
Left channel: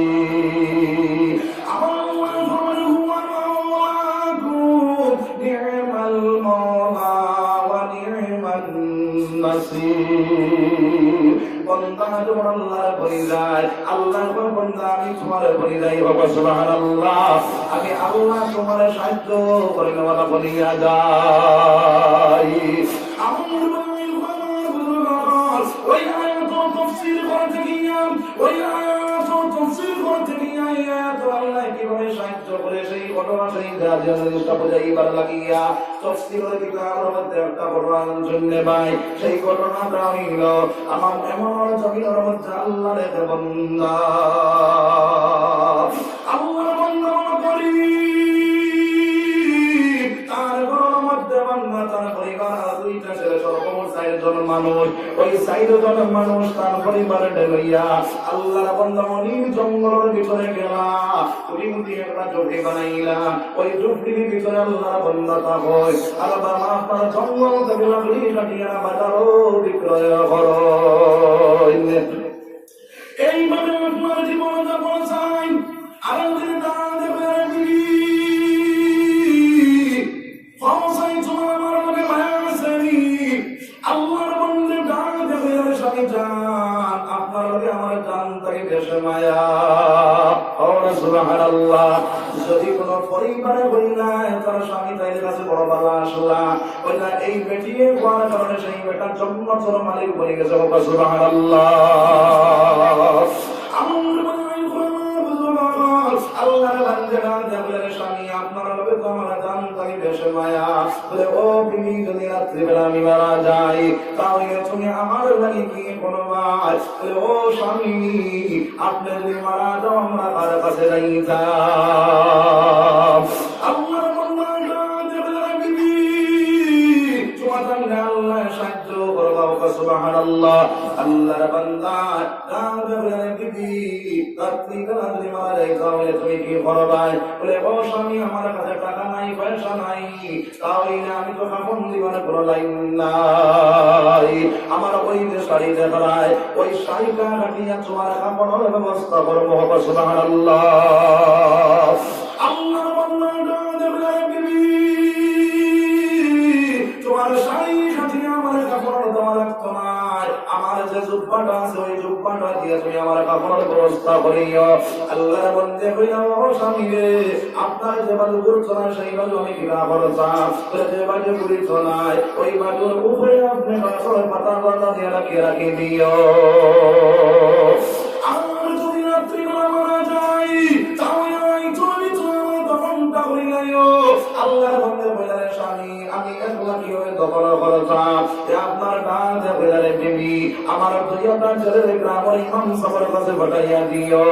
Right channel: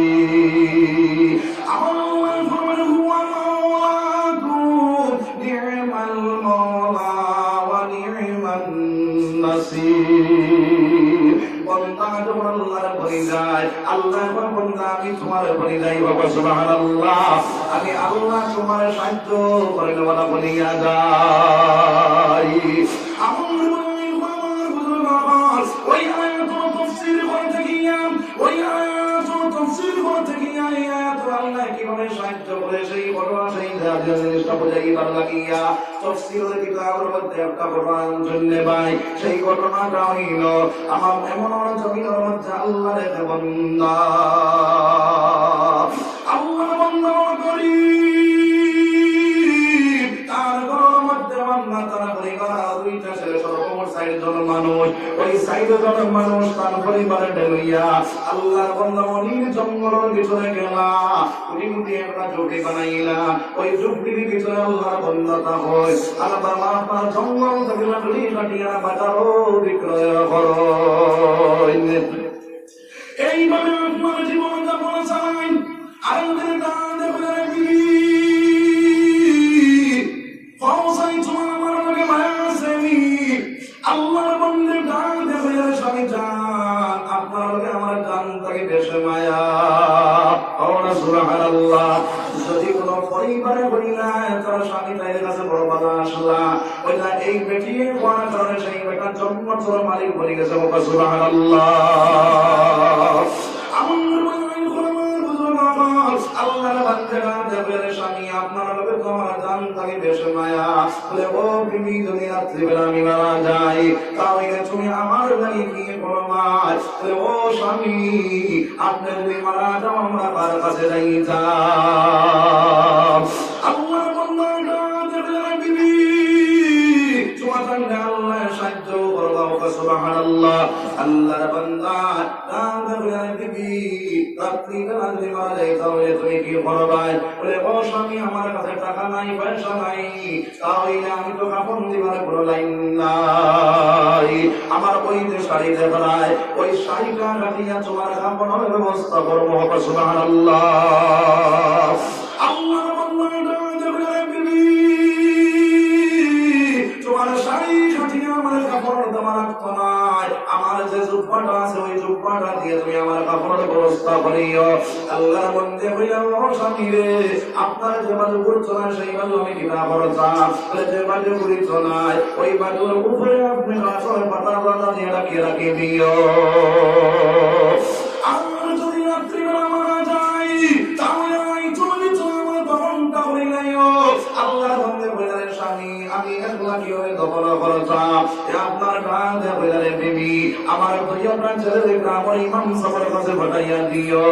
আমার ফরমান হুয়া মাওলাকুম নি'মাল মাওলা ওয়া নি'মান নাসির। বান্দা যখন আল্লাহর বলি যায় আল্লাহ যখন বান্দা আমি তোমার বলি যাই বাবা সুবহানাল্লাহ আমি আল্লাহ তোমার সাহায্য করে নেওয়ালা বলিয়া যাই। আমার বলি ওই আয়াত তাফসীর করতে গিয়া ওই আয়াত তাফসীর করতে গিয়া আয়াত আল্লাহ কিভাবে সাহায্য করে সেই ঘটনা সেই জিনিসটা বুঝাইবার লাগিয়া তাফসীরের কিতাবের মধ্যে একটা কোরআন শুনলে ভাই সেই ঘটনাটা হইল আমার এমন জমিনের মধ্যে আল্লাহর এক বান্দা আল্লাহর বান্দা করি তার ঘরের মধ্যে বান্দা তার পরিবার 2টা ছেলে সর্বমোট 4 জন মানুষ, ওই 60 জন মানুষ তার পরিবারের লইয়া আল্লাহর বান্দা মনির জঙ্গলের ভিতরে গেলা, তুমি দিয়ে একটা ঝুপড়ি বানাইলা, ওই ঝুপড়ির ভিতরে আল্লাহর বান্দা তা হয় আর বাবা আপনার জঙ্গল থেকে লাকড়ি কাটিয়া বাজারও বিক্রয় করো। এইভাবে আপনার জীবন যাপন চাই। আরো যদি দান দেবেন আমার লোকে মায়া আসেনি, আল্লাহর বন্ধের ডাক দেবেন স্বামী যান, আপনার লোকে আমার জান থেকে দেশে মায়া। সুবহানাল্লাহ। যদি কোনো পরিবারে বইলায় তার স্বামী তাইদের কাছে বড় বাধা আসলা, বইলা এই বেটিয়ে কোয়ার কারণে সেই বেটার জন্য তোর মালিক বলে গেছে। সুবহানাল্লাহ। আল্লাহর বান্দারা দেবের স্বামী আপনার লোকে তো আমার জান থেকে দেশে মায়া। বলে ও বিবি যদি রাত্রিবেলা আমি মারা যাই তাহলে তুমি আমার লাগে কি করবা? বলে ও স্বামী আপনি যদি মারা যাও আমরা তার কাছে যাইতাম। আল্লাহর বান্দারা দেবের বিবি তোমার সঙ্গে আল্লাহ সাহায্য করবা। সুবহানাল্লাহ। আল্লাহর বান্দা দেবের বিবি রাত্রিবেলা যদি মারা যাই তাহলে তুমি কি করবা? বলে ও স্বামী আমার কাছে টাকা নাই পয়সা নাই, তাহলে আমি তো কাপড় দিবার কোনো লাইন নাই, আমার ওই যে শাড়ি দেখায় ওই শাড়িটা রাখিয়া তোমার কাপড়ের ব্যবস্থা করবো। সুবহানাল্লাহ। আল্লাহ তোমার শাড়ি কাটিয়া আমার কাপড় দেওয়া লাগতো না, আমার যে জুব্বাটা আছে ওই জুব্বাটা দিয়ে তুমি আমার কাপড়ের ব্যবস্থা করিও। আল্লাহর বন্দে হইয়া ও স্বামী রে আপনার যে বাজু করছো না সেই বাজু আমি কিনা করতাম, যে বাজু করিছো না ওই বাজুর উপরে আপনি গাছের পাতা পাতা দিয়ে রাখিয়ে দিও। আমার যদি রাত্রিবেলা মারা যাই তাহলে ওই তুমি তোমার দফনটা করিলাইও। আল্লাহর বন্দে হইয়া স্বামী আমি একলা কি হয়ে দফন করতাম, আপনার গান হইয়া দেবী আমার দুইটা ছেলে গ্রামের ইমাম সাহেবের কাছে পাঠাইয়া দিও।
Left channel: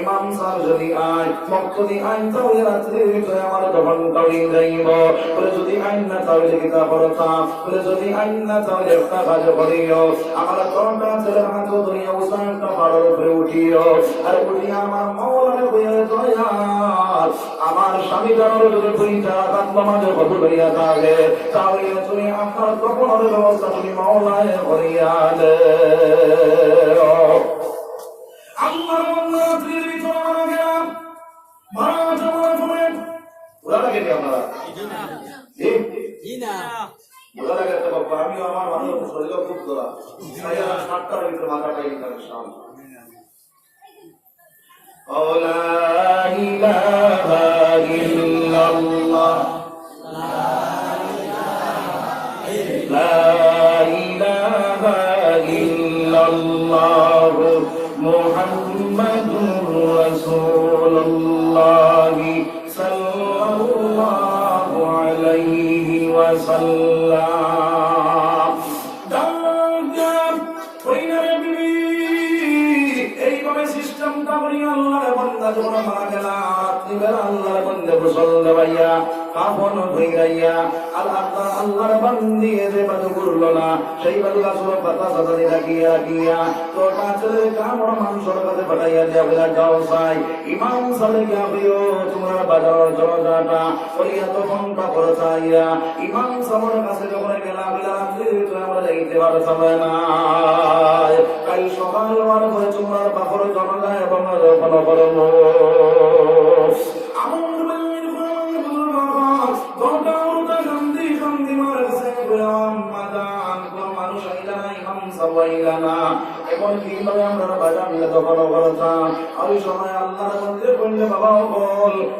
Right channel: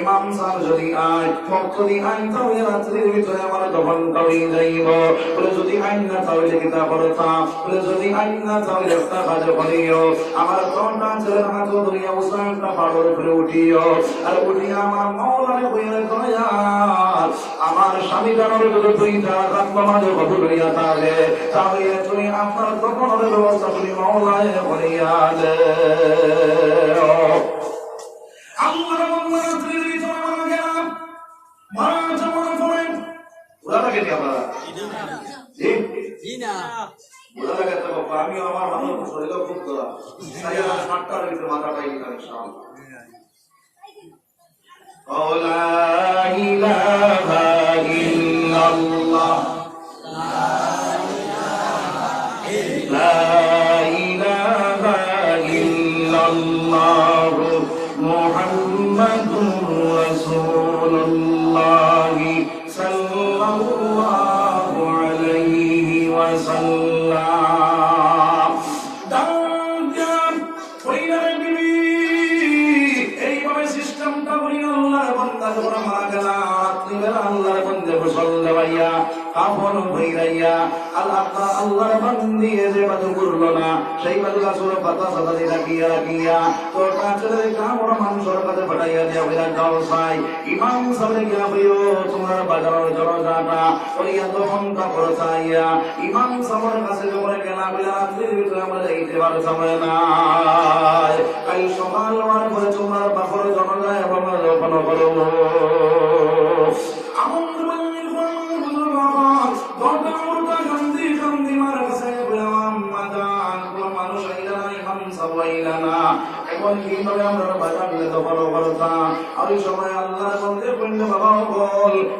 ইমাম সাহেব যদি আয় মক্তদি আইন তাহলে রাত্রির ভিতরে আমার দফন করিয়ে যাইব। বলে যদি আইন না তাহলে কিতা করতাম, বলে যদি আইন না তাহলে একটা কাজ করিও, আমার তোমরা ছেলের হাত ধরিয়া উসানটা পাড়ের উপরে উঠিও, আর উঠিয়া আমার মাওলানা কইয়া দয়াল আমার স্বামী জানার যদি দুইটা কান্দ মাঝে কত করিয়া থাকে তাহলে তুমি আপনার কখনোর ব্যবস্থা তুমি মাওলায় করিয়া দে। আল্লাহর বান্দা রাত্রির ভিতরে মারা গেলাম, মারা যাওয়ার পরে ওরা লাগে কি আপনারা জি না ওরা লাগে তো বাবা আমি আমার ভালো শরীর খুব করা তাই আর 7টার ভিতরে মাথাটাই নিতে সামনে ও লা ইলাহা ইল্লাল্লাহ লা ইলাহা ইল্লাল্লাহ মুহাম্মাদুর রাসূলুল্লাহ সাল্লাল্লাহু আলাইহি ওয়াসাল্লাম। এইভাবে সিস্টেমটা করি আল্লাহর বান্দা যখন মারা গেলাম রাত্রিবেলা আল্লাহর বান্দা গোসল দেওয়াইয়া কাফন ধুইয়া আল্লাহর বান্দি যে বাদু করলো না সেই বাদু আসলে পাতা সাদা দিয়ে রাখিয়া তো কাছের কামড় মাংসর কাছে পাঠাইয়া দিয়া বিরাট গাও চাই ইমাম সালে গিয়া হইও তোমরা বাজারের জনজাটা ওইয়া তো ফোনটা করে চাইয়া ইমাম সাহেবের কাছে যখন গেলাম রাত্রির ভিতরে আমরা যাইতে পারতাম না। কাল সকাল আমার ঘরে তোমার বাপর জনজায় এবং ফলো করবো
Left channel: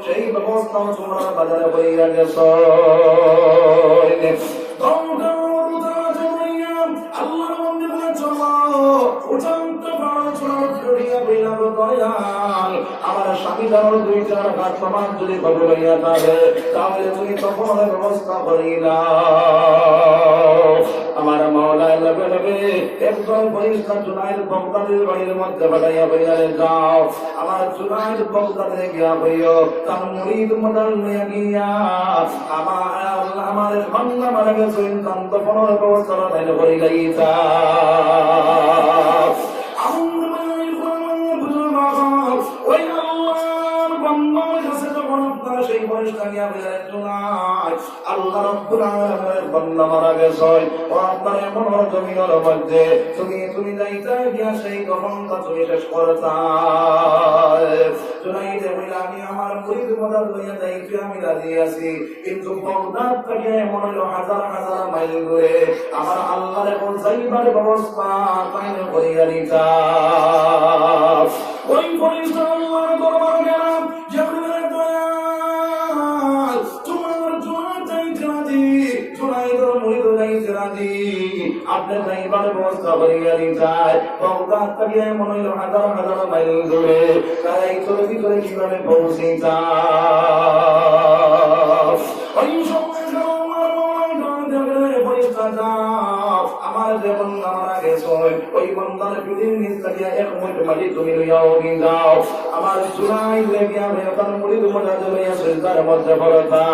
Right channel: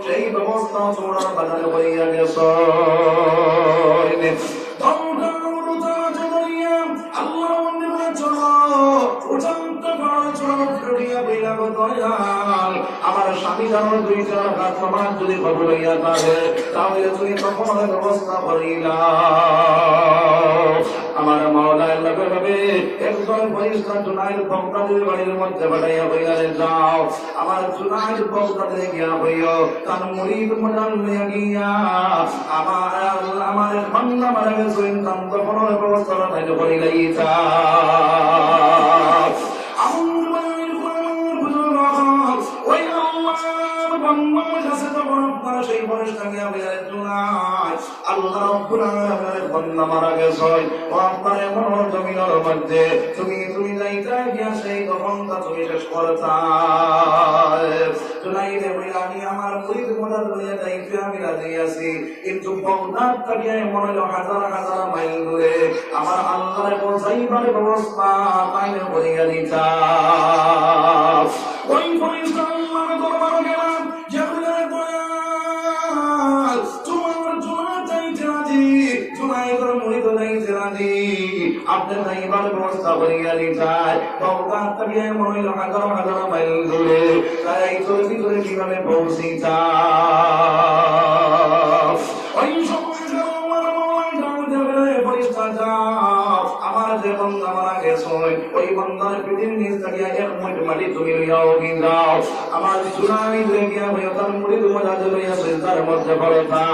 সেই ব্যবস্থা তোমরা বাজারে হইয়া গেছ। আল্লাহ আমার স্বামী জানো দুইটা হাত তোমার যদি খবর হইয়া থাকে তাহলে তুমি তখন ব্যবস্থা করিলা। আমার মাওলায় লগে লগে একজন করে ফেরেশতা জুনাইদ বাগদাদির বাড়ির মধ্যে পাঠাইয়া বইলে যাও আমার জুনাইদ বাগদাদে গিয়া হইও তার মুরিদ মডাল নিয়ে গিয়া আমার বান্দা মারা গেছে কান্ত ফলের ব্যবস্থা তাইলে করিলেই তা সেই ফেরেশতা গিয়া বইলে জুনাইদ আল্লাহ রাব্বুল আলামিনের বান্দা মারা গেছে ও আপনার এমন জমিনের মধ্যে তুমি যাইতে গিয়া সেই গহনটা তুমি শেষ করতা জুনাইদ বলে আমি আমার মুরিদ মদদ লইয়া যাইতে আমি রাজি আছি কিন্তু বাগদাদ থেকে মনে হলো হাজার হাজার মাইল দূরে আমার আল্লাহর পৌঁছাইবার ব্যবস্থা কায়েম করিয়া দিতা ওই ফেরেশতা আল্লাহর দরবার গেলাম জিবরিলের দয়া তোমার জন্য যাইতে রাজি জুনাইদের মুরিদ যাইতে রাজি আপনি যাইবার ব্যবস্থা করিয়া দিতাই বাগদাদ থেকে মনে হলো হাজার হাজার মাইল দূরে তাই চলতি করে কিভাবে পৌঁছিতা ওই সময় আমার যে বন্ধা মারা গেছে ওই বন্ধার পৃথিবীর নিচ থেকে এক মুঠ মাটি তুমি লইয়াও যাও আমার জুনাইদ লেগিয়া হয়ে তার মুরিদ মদদ লইয়া সিজদার মধ্যে পড়তা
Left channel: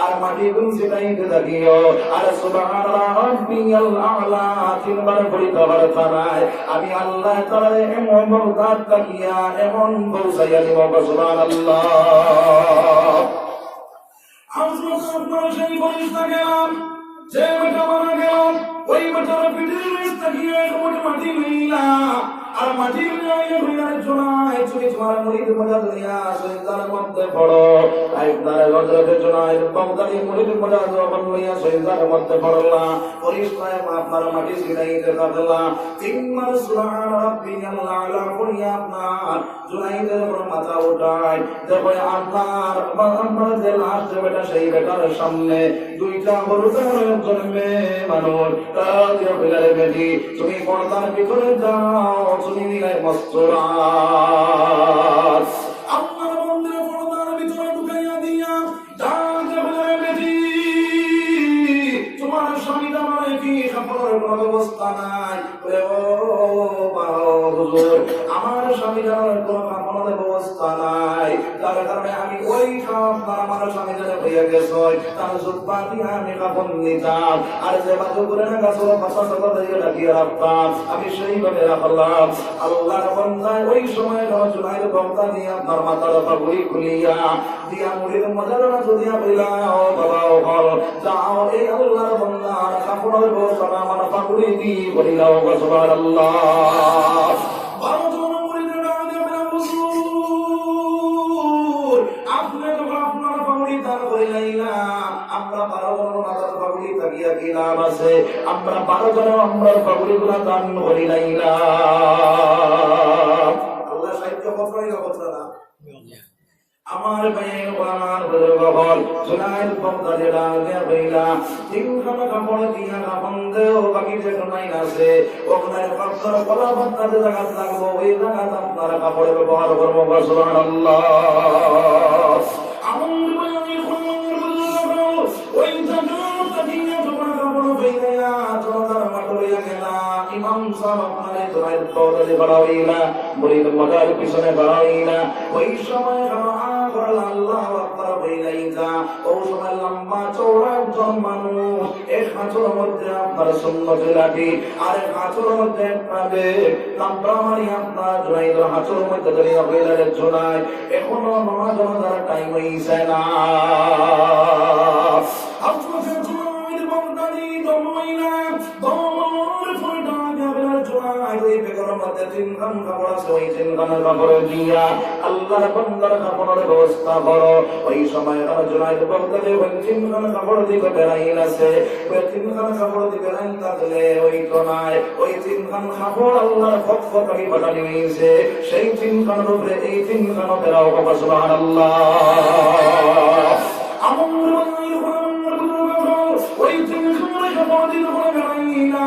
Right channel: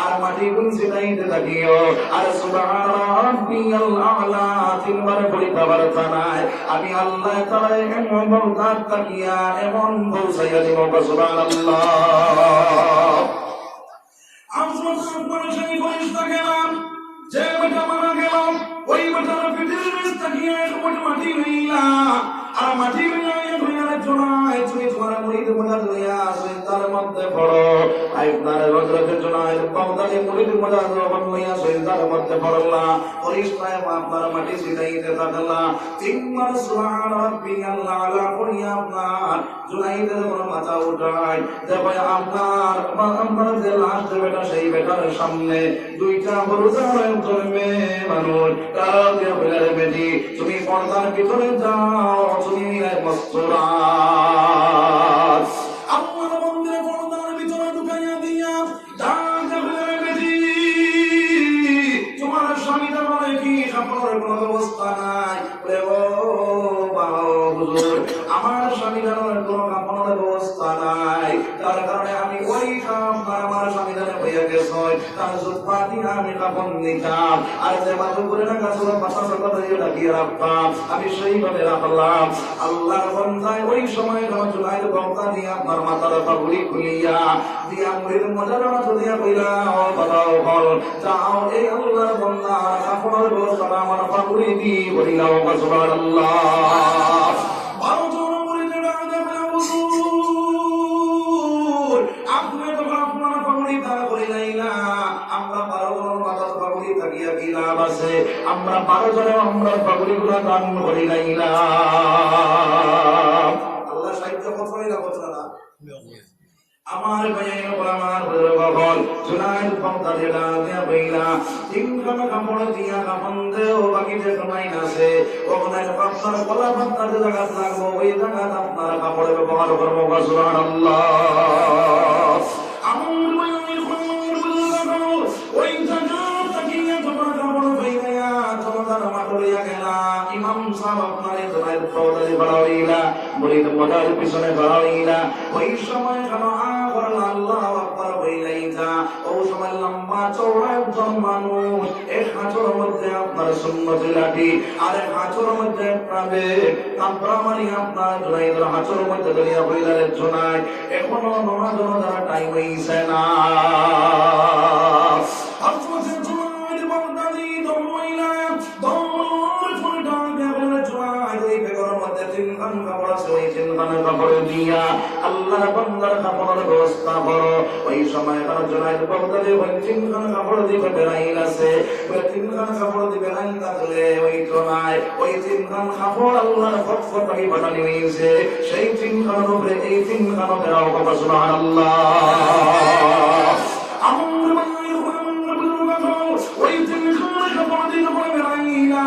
আর মাটি গুন ছিটাইতে থাকিও আর সুবহান রাব্বিয়াল আ'লা তিনবার পড়িতে পারতা নাই আমি আল্লাহ তাআলা এমন বরকত তাকিয়া এমন পৌঁছাইয়া দিব সুবহানাল্লাহ আপনারা সেই ফেরেশতা গেলাম যে বেটা মারা গেল ওই বেটার পিঠের নিচ থেকে এক মুঠ মাটি লইলা আর মাটি লইয়া ধইয়া জোড়ায় তুমি তোমার মুরিদ মদদ লইয়া সিজদার মধ্যে পড়ো আপনার হযরত জুনাইদ বাগদাদি মুরিদ মদদ লইয়া সিজদার মধ্যে পড়লা ফেরেশতা আপনার মাটি ছিটাইতে থাকলা তিনবার সুবহান রাব্বিয়াল আ'লা পড়িয়া আপনার জুনাইদের মাথা উঠায় দেখো আপনার যে লাস্ট বেটা সেই বেটার সামনে দুইটা বড়দার জন্মে মানুষ তারা যে ফেলে বেটি তুমি পর্দার ভিতরে যাও তুমি এক মস্তরাত আপনার বন্ধুরে পর্দার ভিতরে ঢুকাইয়া দিয়া দাঁড়ে ফেলে বেটি তোমার স্বামীরা বলে কি কাপড়ের কোনো ব্যবস্থা নাই বলে ও হুজুর আমার স্বামীরা কোনো কাপড়ের ব্যবস্থা নাই তার কারণে আমি ওই আপনার আমার স্বামীদের হয়ে গেছে তার জুব্বা দিয়ে আমি কাপড় নিতাম আর যে বাধ্য করে না গাছ পাতা সাথে দিয়ে রাখিয়ে রাখতাম আমি সেইভাবে রাখলাম আল্লাহর বন্দায় ওই সময় জুনাইদ বন্দা দিয়ে আপনার মাথার পাগড়ি খুলিয়া দিয়া মুরিদ মজার দিয়া বইলা ও বাবা ও বল যাও এই আল্লাহর বন্দা কাপড়ের ব্যবস্থা আমার পাগড়ি দি বলিলা ও সুবহানাল্লাহ 12 জন মুরিদের আগে বলা হুজুর আপনি তো আপনার পাগড়ি দান করিলেন না আমরা 12 জন মাথার পাগড়ি তাকিয়া কি লাভ আছে আমরা 12 জন আমরা পাগড়িগুলো দান করিলেন না আল্লাহ সাহিত্য কথাই না কথা না আমার ভাইয়ের আমার বল জুনাইদ বাগদাদি লাগে বইলা তিনখানা কাপড় দিয়া কাপন দেও বাকি যে জুনাইদ আছে ওখানে আপনার গলা বাঁধতে জায়গা লাগবো ওই জায়গা আপনার কাপড় ব্যবহার করবো সুবহানাল্লাহ আমার ভাইয়ের ওই জায়গা তাকিয়া তোমার কাপড় বইয়া তোমার মাটরিয়া গেলা ইমাম সাহেব মানে জুনাইদ বাগদাদি বাড়াইলা মুরিদ মজার পিছনে বাড়াইলা ওই সময় আল্লাহু আকবার বইলাইতা ও সময় লম্বা চওড়া একজন মানুষ এক হাতের মধ্যে আপনার সুন্নতি লাঠি আর এক হাতের মধ্যে আপনাদের তাম্রামানি আপনার জুনাইদের হাতের মধ্যে ধরিয়া বইলেন জুনাইদ এখনো নামাজ পড়ার টাইম হইছে না হযরত জুনাইদ বাগদাদি দমইলা দমর ফুলটা দেবের জুনাইদ এই বেগরের মধ্যে তিনখান কাপড় আছে ওই তিনখান কাপড় দিয়া আল্লাহর বান্দার কাপড়ের ব্যবস্থা করো ওই সময় জুনাইদ বাগদাদি ওই তিনখান কাপড় দিকে বেরাইল আছে ওই তিনখান কাপড় দিকে বেরাইল থাকলে ওই তো নাই ওই তিনখান কাপড় আল্লাহর পক্ষ থেকে পাঠানো হয়েছে সেই তিনখানের উপরে এই তিনখান বেরাও কথা সুবহানাল্লাহ আমার ভাইয়ের ওই তিনখান কাপড় দিকে বেরাইলা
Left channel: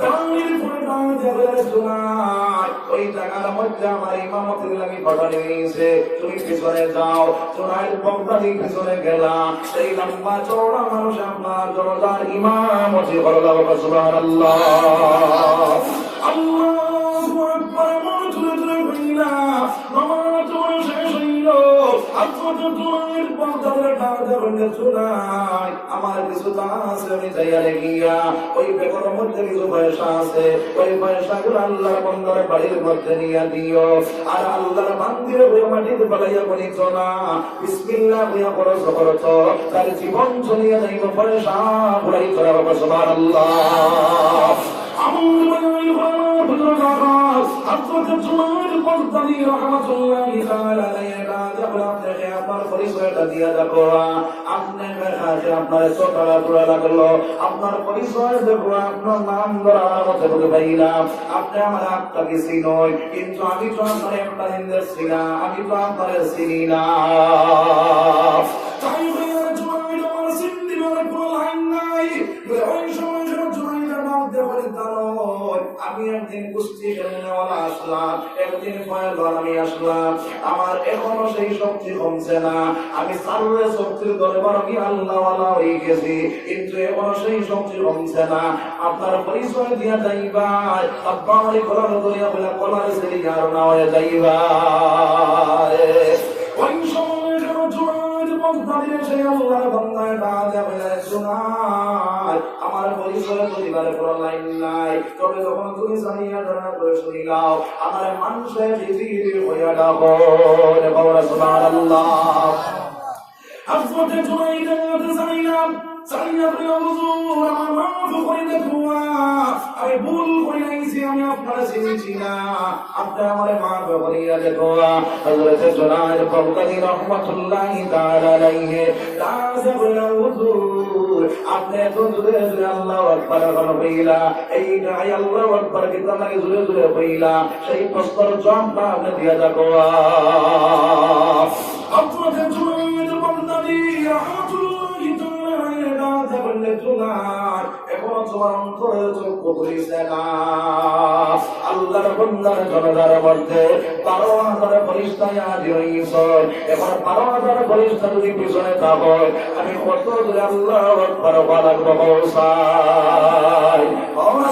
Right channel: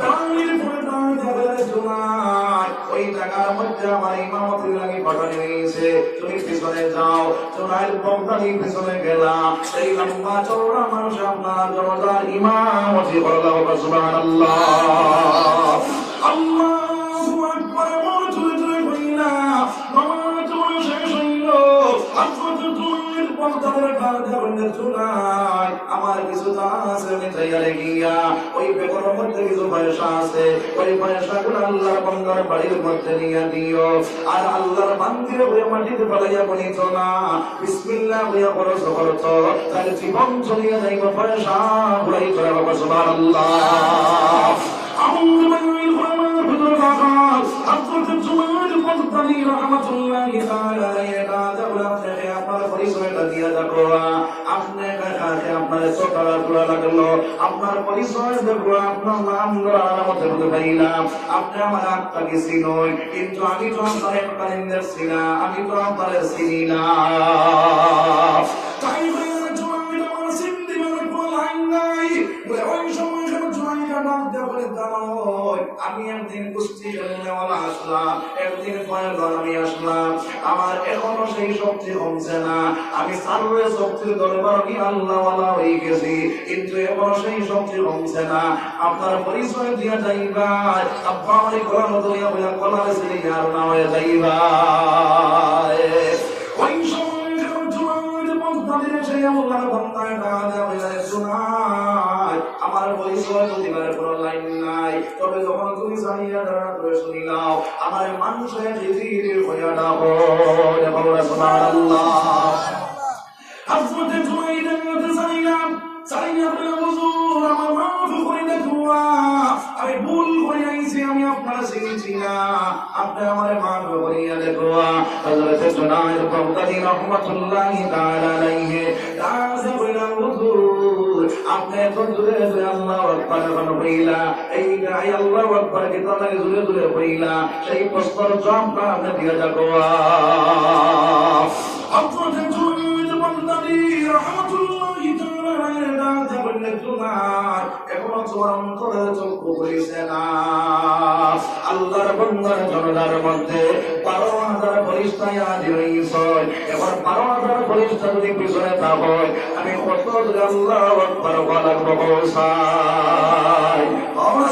বেরাইল পরে দাঁড়িয়ে জুনাইদ ওই জায়গার মধ্যে আমার ইমামতির লাগি পাঠানো হয়েছে তুমি পিছনে যাও জুনাইদ বাগদাদি পিছনে গেলাম এই লম্বা চওড়া মানুষ আপনার জনতার ইমামতি করলাম সুবহানাল্লাহ আল্লাহু আকবার মনে হইলা নামাজ শেষ হইল হযরত তুমির পর্দার কাঁধে শোনায় আমার কিছু আছে আমি তৈরি গিয়া ওই বেগর মধ্যে কিছু পয়সা আছে ওই পয়সাগুলো আল্লাহর বান্দার বাড়ির মধ্যে নিয়ে দিও আর আল্লাহর বান্দির হয়ে মাটিতে ফেলাইয়া বলিত না বিসমিল্লাহ হইয়া বড় করত তার জীবন চলিয়ে যাইব পয়সা ঘুরাই করা বাবা সুবহানাল্লাহ আপনার চোখা লাগলো আপনার পরিচয় দেখবো আপনার নাম পাইলাম আপনি আমার আত্মাকে চিনই কিন্তু আমি তো আপনার একটা দিন দেখছি না আমি তো আপনার চিনি না তাই আমি একদিন কুস্তি খেলনেওয়ালা আসলাম একদিন আমি আসলাম আমার এখনো সেই শক্তি কমছে না আমি সার্বে শক্তির দরবার আমি আল্লাহওয়ালা হয়ে গেছি কিন্তু এখনো সেই শক্তি কমছে না আপনার পরিচয় দিয়া যাইবা আপনার করার দরিয়া বলে কলার সেই আর না হয়ে যাইবা ওই সময় জুয়ার বন্ধাদের সেই আল্লাহর বান্দায় না দেবে আমার পরিচয় দিবার কোনো লাইন নাই তবে যখন তুমি জানিয়া ধারণা করে শুনি নাও আমার মানুষের জিজির হইয়া ডাকো সুবহানাল্লাহ আজকে জুমাইদা জানিলাম সাইয়া বলে হুজুর আমার মাফ করে দাও আমি ভুল করে আইছি আমি আপনারা চিনি না আপনি আমারে মাফ করিয়া দেখো হযরত জুনায়দ বাগদাদী রাহমাতুল্লাহি তাআলা আলাইহি রাজা বলে হুজুর আপনি তো জুরে জুরে আল্লাহু আকবার বইলা এই গায় আল্লাহু আকবার কি তাকে জুরে জুরে বইলা সেই প্রশ্নের জবাবটা আপনি দিয়া দেখো আপনাদের জুনায়দ বাগদাদী রাহমাতুল্লাহি তাআলা আলাইহি রাজা বলে জুনায়দ এখন তোমার অন্তরে চক্ষু করিছে না আল্লাহর বান্দার জনতার মধ্যে 12,000 ফেরেশতা হাজির হইছে এখন 12,000 ফেরেশতা যদি পিছনে থাকো আমি কত আল্লাহু আকবার বলার বলছাই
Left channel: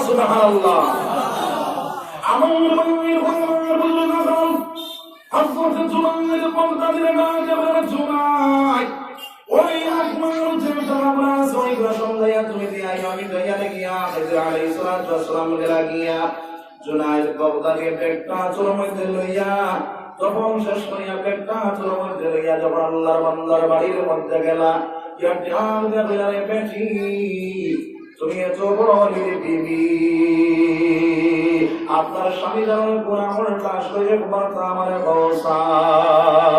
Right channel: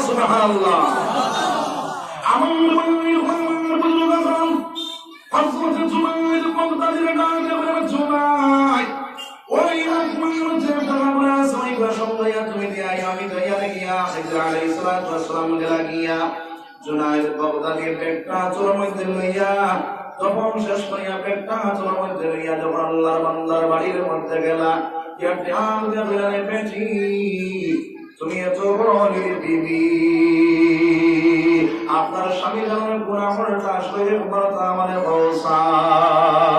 সুবহানাল্লাহ আমার হযরত জুনায়দ বাগদাদীর ডাকে বের জুনায়দ ওই রহমান জেদাল্লাহ সহিবা সম্মায়া তুমি দিয়া আমি দয়া লাগিয়া হযরত আলাইহিস সালাতু ওয়াসসালাম লাগিয়া জুনায়দ বাগদাদীর পেটটা চোর মধ্যে লইয়া যখন শেষ করিয়া পেটটা চোর মধ্যে লইয়া যখন আল্লাহর বান্দার বাড়ির মধ্যে গেলা ইয়া ধ্যান দিয়া পেটি তুমি এত বড় বিবি আপনার স্বামী যখন পুরা আমলটা আসলে পুরো আমাদের বসাই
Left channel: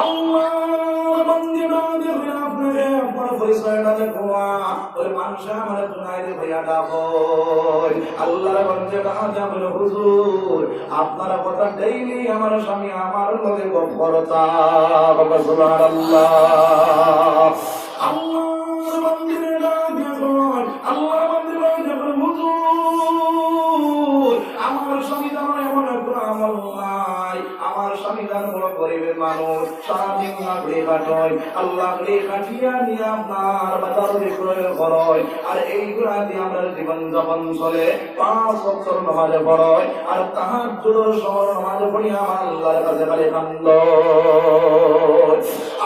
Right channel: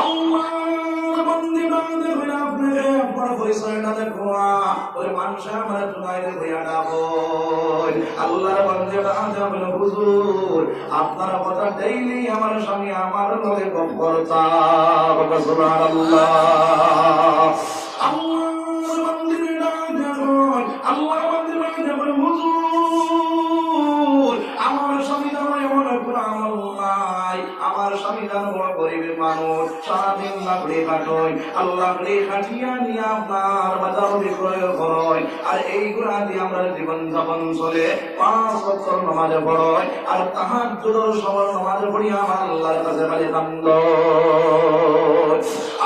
আল্লাহর বান্দা দেখবেন আপনি আপনার পরিচয়টা দেখো ওই মানুষ আমার জুনায়দ ভাইয়া ডাকো আল্লাহর বান্দাটা আজাবের হুজুর আপনার কথা ডেইলি আমার স্বামী আমার লগে করতা বাবা সুবহানাল্লাহ আল্লাহর বান্দাটা দেখো আল্লাহর বান্দাটা দেখো হুজুর আমার স্বামী আমার এমন আমল নাই আমার স্বামী বড় গরিবের মানুষ সারাদিন লাগলে কাটয় আল্লাহ খাটিয়া নিয়ে আপনার বাজারে প্রয়োগ করয় আর এইগুলা দিয়ে আমরা জীবন যাপন চলে 5 ওয়াক্ত নামাজ পড়য় আর তাহাজ্জুদের সময় নামাজ পড়ি আমার আল্লাহর কাছে খালি কান্দ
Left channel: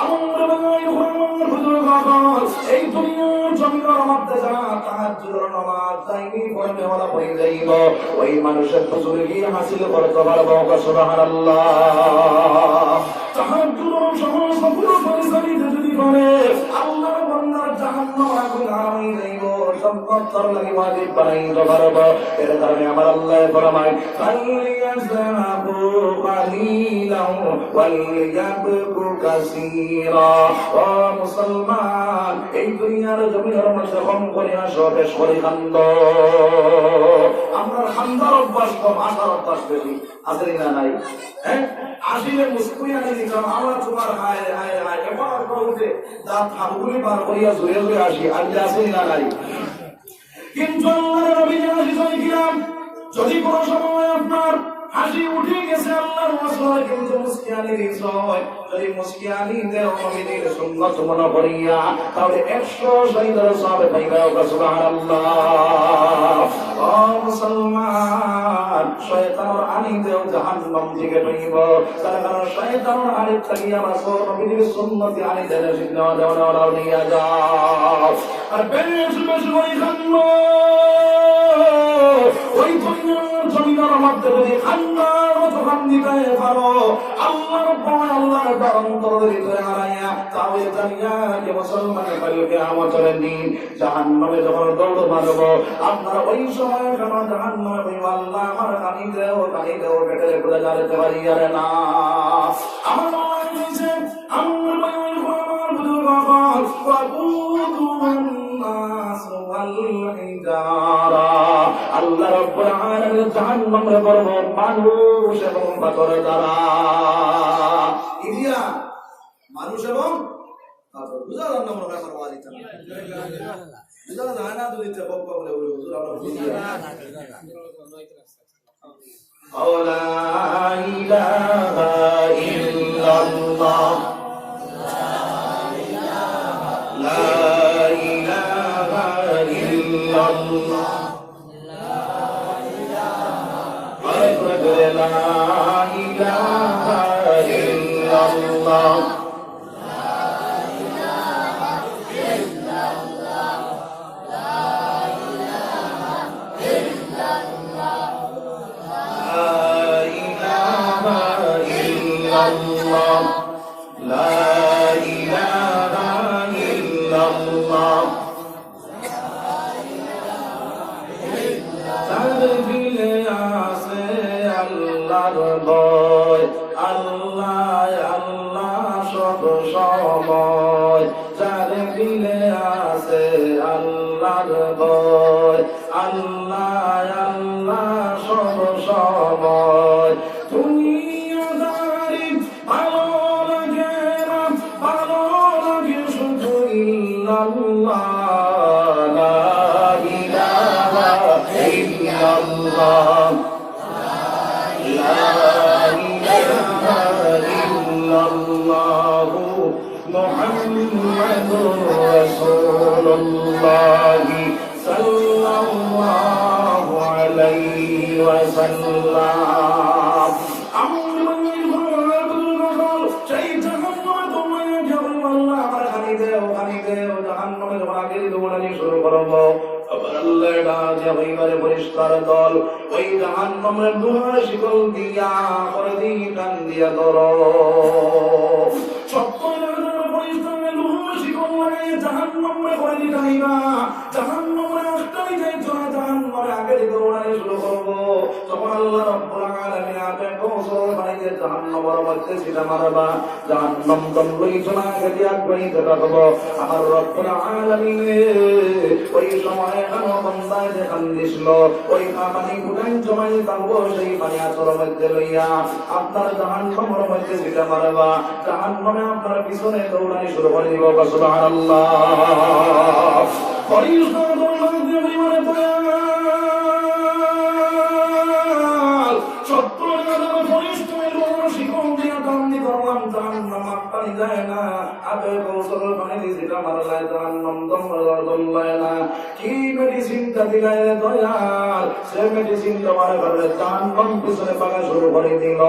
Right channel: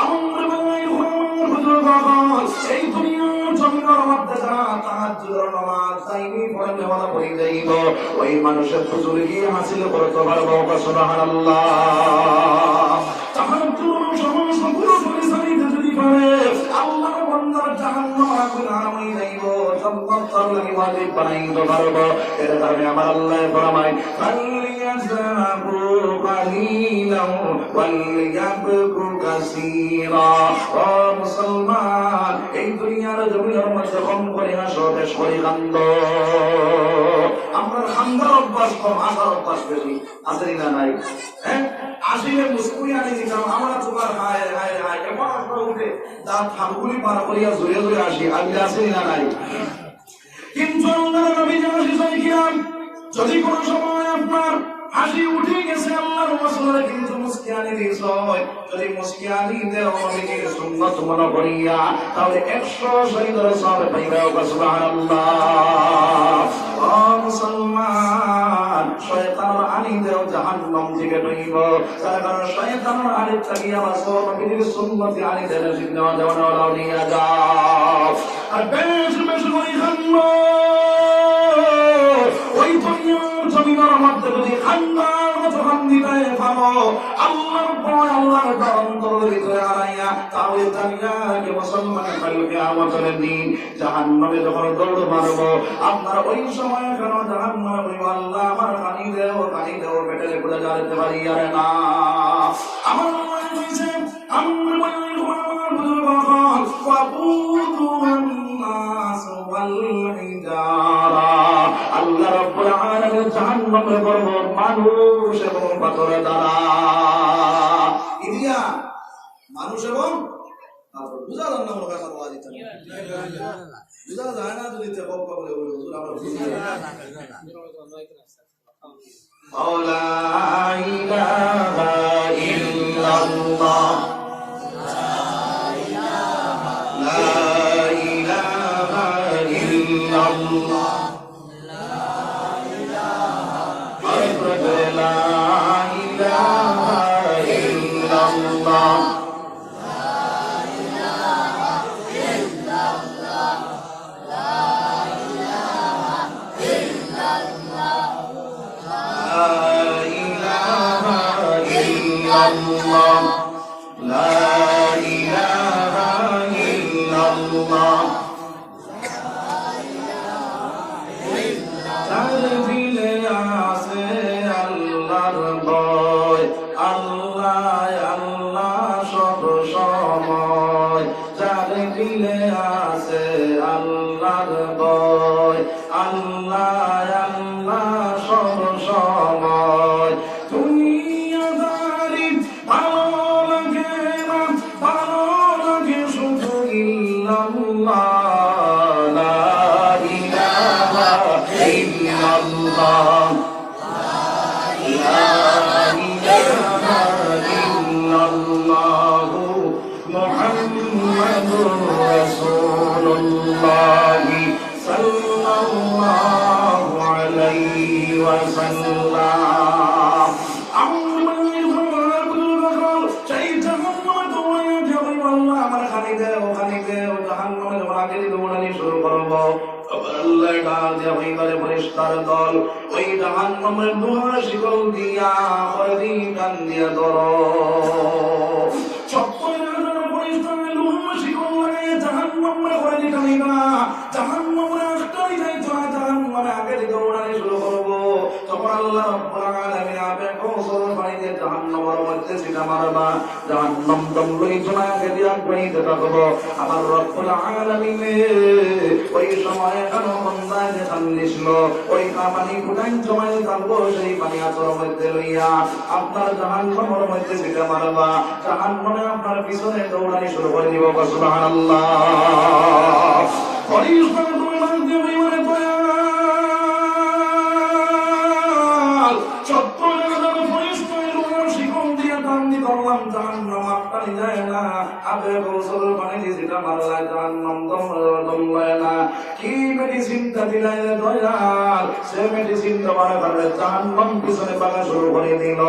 আমরা হুজুর বাবা এই দুনিয়ার জমিনের মধ্যে যারা তাহাজ্জুদের নামাজ তাইমি পড়তে ওরা পড়ে যাইব ওই মানুষের বুজুর্গি হাসিল করতে পারবো সুবহানাল্লাহ তাহাজ্জুদের সমস্ত পুরো পরিচালিত যদি করে আল্লাহর বান্দার জাহান্নাম আগুন হারাম হয়ে যাইব সম্পদ তার লাগি ওয়াজিব বানাইতে পারবো এর কারণে আমার আল্লাহ ফরমায় ফালিয়াযাবু কালিলাও ওয়ালিয়াবকু কাসীরা ও মুসলমান এই দুনিয়ার জমিনের মধ্যে কম করে আসো বেশ করে কান্দ আমরা খান্দার অভ্যাস কম আসার অভ্যাস বেশি আছে না নাই হ্যাঁ আসিলে মুসকুরি আনি দিতাম আমার তোমার হায় হায় হায় এবার উঠে দাঁত হাবগুলি বার করিয়া জুড়ে জুড়ে আসি আল্লাহ আছে না নাই কিন্তু আল্লাহর নবী জানিয়েছিলেন যদি কোন সময় আপনার হাসি উঠে গেছে আল্লাহর রাসূলের কিন্তু মুস্কিয়ানি দিয়েছে যদি মুস্কিয়ানি দেও নবীর সুন্নাত মনে করিয়া তাহলে 100 শহীদের সওয়াব পাইবা সুবহানাল্লাহ মুসলমান শয়তানের আনিতেও জাহান্নাম থেকে ডুইব কারণ শয়তানের আনিত থেকে আমার নবীর সুন্নতি আনিতে নেওয়া যাওয়া নিয়ে যাও আর বেশ বেশ ওই ওই দুনিয়ার জমিনের মধ্যে যদি খান্নার মতো খান দিতে পারো আল্লাহর ভয় আল্লাহর অন্তর হৃদয়ে হারাইয়া তাহলে দুনিয়াকে মুসলমানের কালকে আমাদের দিন জাহান্নামে যখন দৌড় মারবো আপনার ওই সময় কেন জাহান্নামে আল্লাহ আমার কানি দেও কেটে পুরো জ্বালাতে পারি আর না আমার আল্লাহ বলেছে আমরা বলি আমার বুজুর্গ ফাবুদুন নাস ওয়াল হিজারা আল্লাহ রাব্বুল আলামিন জাহান্নামের গর্ভ মানুষ এবং পাথরের দ্বারা ইদিয়া মানুষ এবং পাথর বুঝা যান না মনে হয় আমার ওয়াজ এটা বুঝা যায় না যদি তে বক্কা বলে হুজুর আমরা বুঝি লা ইলাহা ইল্লাল্লাহ লা ইলাহা ইল্লাল্লাহ পরিষ্কার দল ওই জাহান্নামের দুয়ার শিকল দিয়া হরি কান দিয়া ধরো জাহান্নামে করে দিতাই না জাহান্নামে আসতেই যাইতো না জাহান্নামে আগে দৌড়ানি শুরু করবো তখন আল্লাহ রাব্বুল আলামিন আপনি গোসল বানাইতে জাহান্নামের মধ্যে ছিলা মারবা জাহান্নাম দমগুলি জোনাকে দিয়া গনি দেখাবো আমার রাব্বুল আলামিন ওই সময়ে আমার বান্দা যে কান্দিছিল ওই পানি গুনাই জমাই দাও সেই পানি আচরের মধ্যে লইয়া আপনার জাহান্নামের মধ্যে ছিলা মারবা জাহান্নামে আপনার পিছনে দৌড়ানি শুরু করে দিব সুবহানাল্লাহ পরিষ্কার দৌড়ানি দিয়ে মানে দয়াল চত্বর গাদার পরিষ্কার দৌড়ানি শিকল দিয়া কান্দি করলাম জাহান্নাম আপনি যায় না আবে গোসল পানি দিছিটা মারলাই জাহান্নাম দমলায় না কি মেডিসিনটা দিলাই দয়াল সে মেডিসিন তোমার ঘরে জাহান্নাম পিছনে পাকা শুরু করে দিল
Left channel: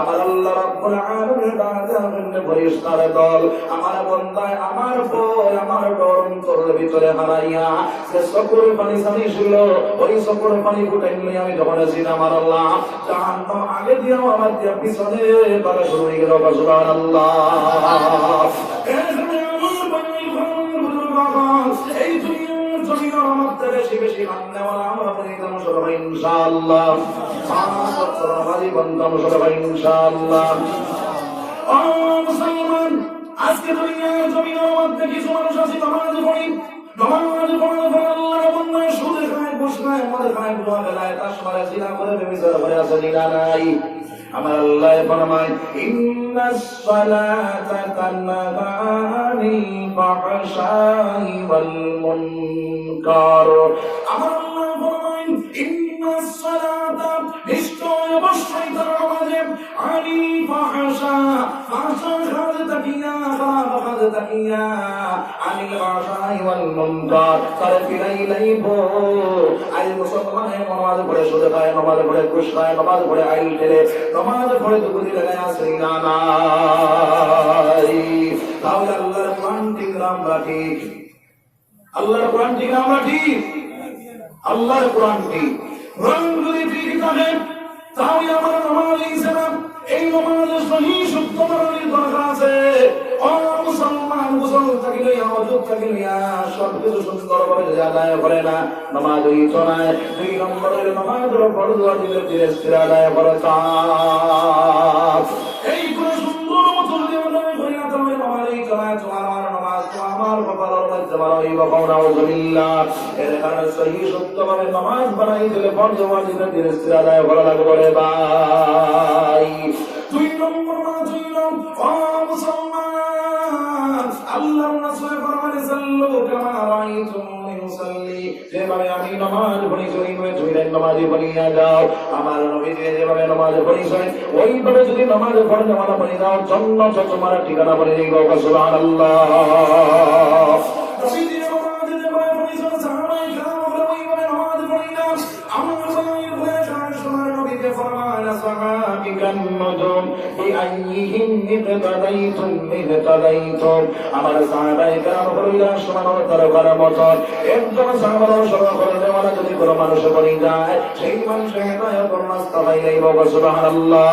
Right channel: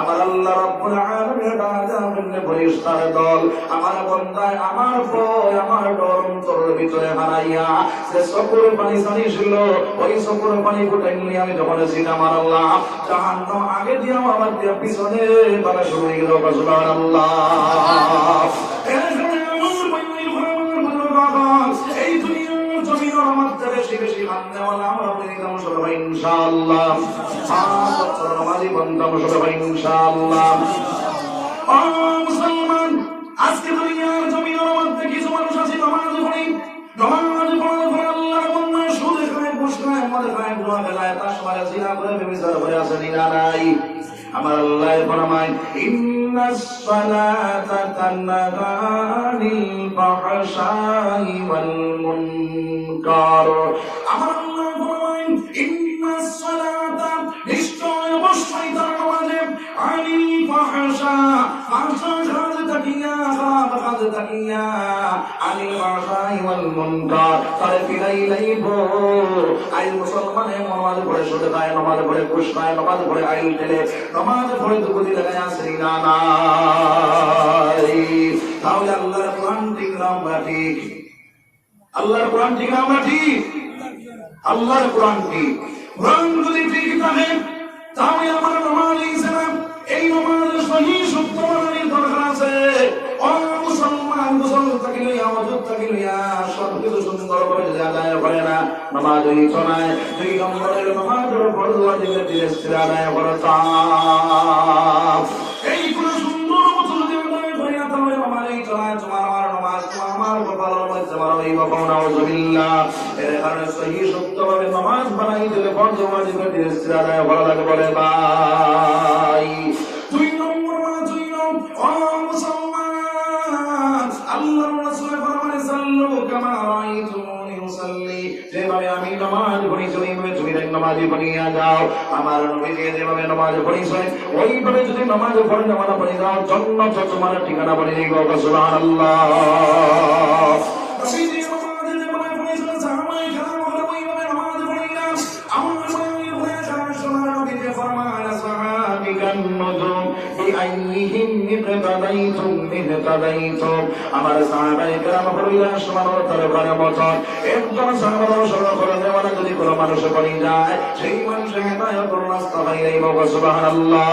আমার আল্লাহ রাব্বুল আলামিন বাজারে পরিষ্কার দল আমার বান্দায় আমার ভয় আমার ডর অন্তরের ভিতরে হারাইয়া সে সকল পানি সানি ছিল ওই সকল পানি ফুটাই নিয়ে আমি যখন ছিলাম আমার আল্লাহ জাহান্নাম আগে দিয়া আমার দিয়া পিছনে পাকা শুরু হয়ে গেল সুবহানাল্লাহ এই দুনিয়ার জমিনের মধ্যে বেশি বেশি মাননেওয়ালা আমরা বলিলাম সবাই ইনশাআল্লাহ আমাদের বন্ধু সবাই ইনশাআল্লাহ মুসলমান আজকে দুনিয়ার জমিনের মধ্যে কিছু মানুষ আছে নামাজ পড়ি নামাজ পড়ার পর আল্লাহর বন্ধু সুদে খায় ঘুষ খায় মদ খায় জুয়া খেলায় তাস মারে জিনা করে ব্যভিচার করে আছে নাই আমার আল্লাহ ফরমায় ইন্নাস সালাতা তানহা আনিল ফাহশাই ওয়াল মুনকার আমার আল্লাহ ফরমায় ইন্নাস সালাতা নিশ্চয় অবশ্যই তার নামাজে আনিল ফাহশা ফাহশা কাজ তাকিয়া খারাপ কাজ নামাজ তাকিয়া আনিল আশাই ওয়াল মুনকার তারে ফিরাই লাইব আই মুসলমানে নামাজ পড়ে শুধু খায় নামাজ পড়ে খুশ খায় নামাজ পড়ে আই ঠেলে নামাজ পড়ে দুগুলি লাগায় আসরি না নাই তাহলে আল্লাহর কোরআন ঠিক আমরা ঠিক আল্লাহর কোরআন ঠিক আমরা ঠিক আল্লাহর কোরআন ঠিক কোরআন যদি ঠিক থাকে তাহলে আমার নামাজ ইসলাম এই নামাজের সহি সত্য মানার দরকার আছে ও মুসলমান মুসলমান থাকিলে আমজত থাকিলে সবকিছু সুন্দরভাবে আদায় করে না নামাজ ওই চলায় দুই নম্বরের নামাজের ফরজ ওয়াজিবের দিলে আদায় করতা এই পুরো সুন্দর মতো যদি আদায় করে না তাহলে নামাজ ওই চলায় আমার নামাজ তো আমার কপালের মধ্যে বাড়াই বাবা নাউজুবিল্লাহ এর কারণে সহি সত্যভাবে নামাজ বানাই দিলে ফরজ ওয়াজিবের দিলে আদায় করা লাগবে রে ভাই দুই নম্বর মুসলমান আল্লাহর রাসূল ফরমানে সাল্লু কামা রাআইতুমুনি উসাল্লি যেভাবে আমি নামাজ পড়ি তুমি নামাজে পড়িয়া যাও আমার নবী যেভাবে নামাজ পড়িছেন ওইভাবে যদি নামাজ পড়ে নামাজ পড়ে যাও জান্নাত তোমার ঠিকানা বলে দিব সুবহানাল্লাহ আমার সাহাবায়ে কেরাম হইলা সুবহানাল্লাহ তাআলার মত একজন সাহাবার অনুসরণ করে মানে যদি কোনো মানুষ বলি যায় সেই মানুষের হেদায়েত করুন আস্তাগফিরুল্লাহ ওয়া সুবহানাল্লাহ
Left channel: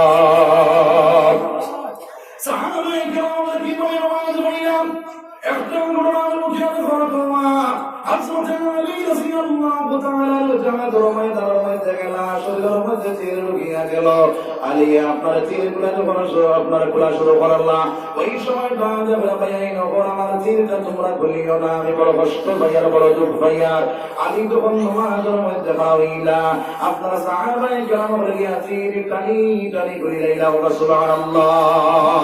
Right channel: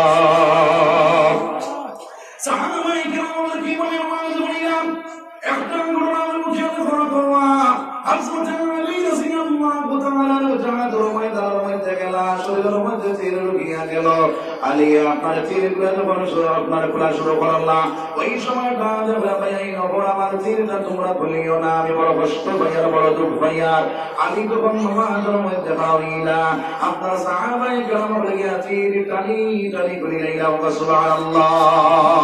সাহাবায়ে কেরাম কি বলে নামাজ পড়িলাম একটা ঘটনা মুখে করবা হযরত আলী রাদিয়াল্লাহু তাআলা জামাত রমায় দাওয়ায় গেলা শরীরের মধ্যে তীর ঢুকিয়া গেল আলী আপনার তীরগুলো যখন আপনার খোলা শুরু করলা ওই সময় বাজে ভাই নবর আমার তীরটা তোমরা খুলিও না আমি বড় কষ্ট ভাইয়ার বড় দুঃখ ভাইয়ার আলী যখন নামাজের মধ্যে হইলা আপনার সাহাবায়ে কেরাম বলে গিয়া তীর টানি টানি খুলি লাইলা সুবহানাল্লাহ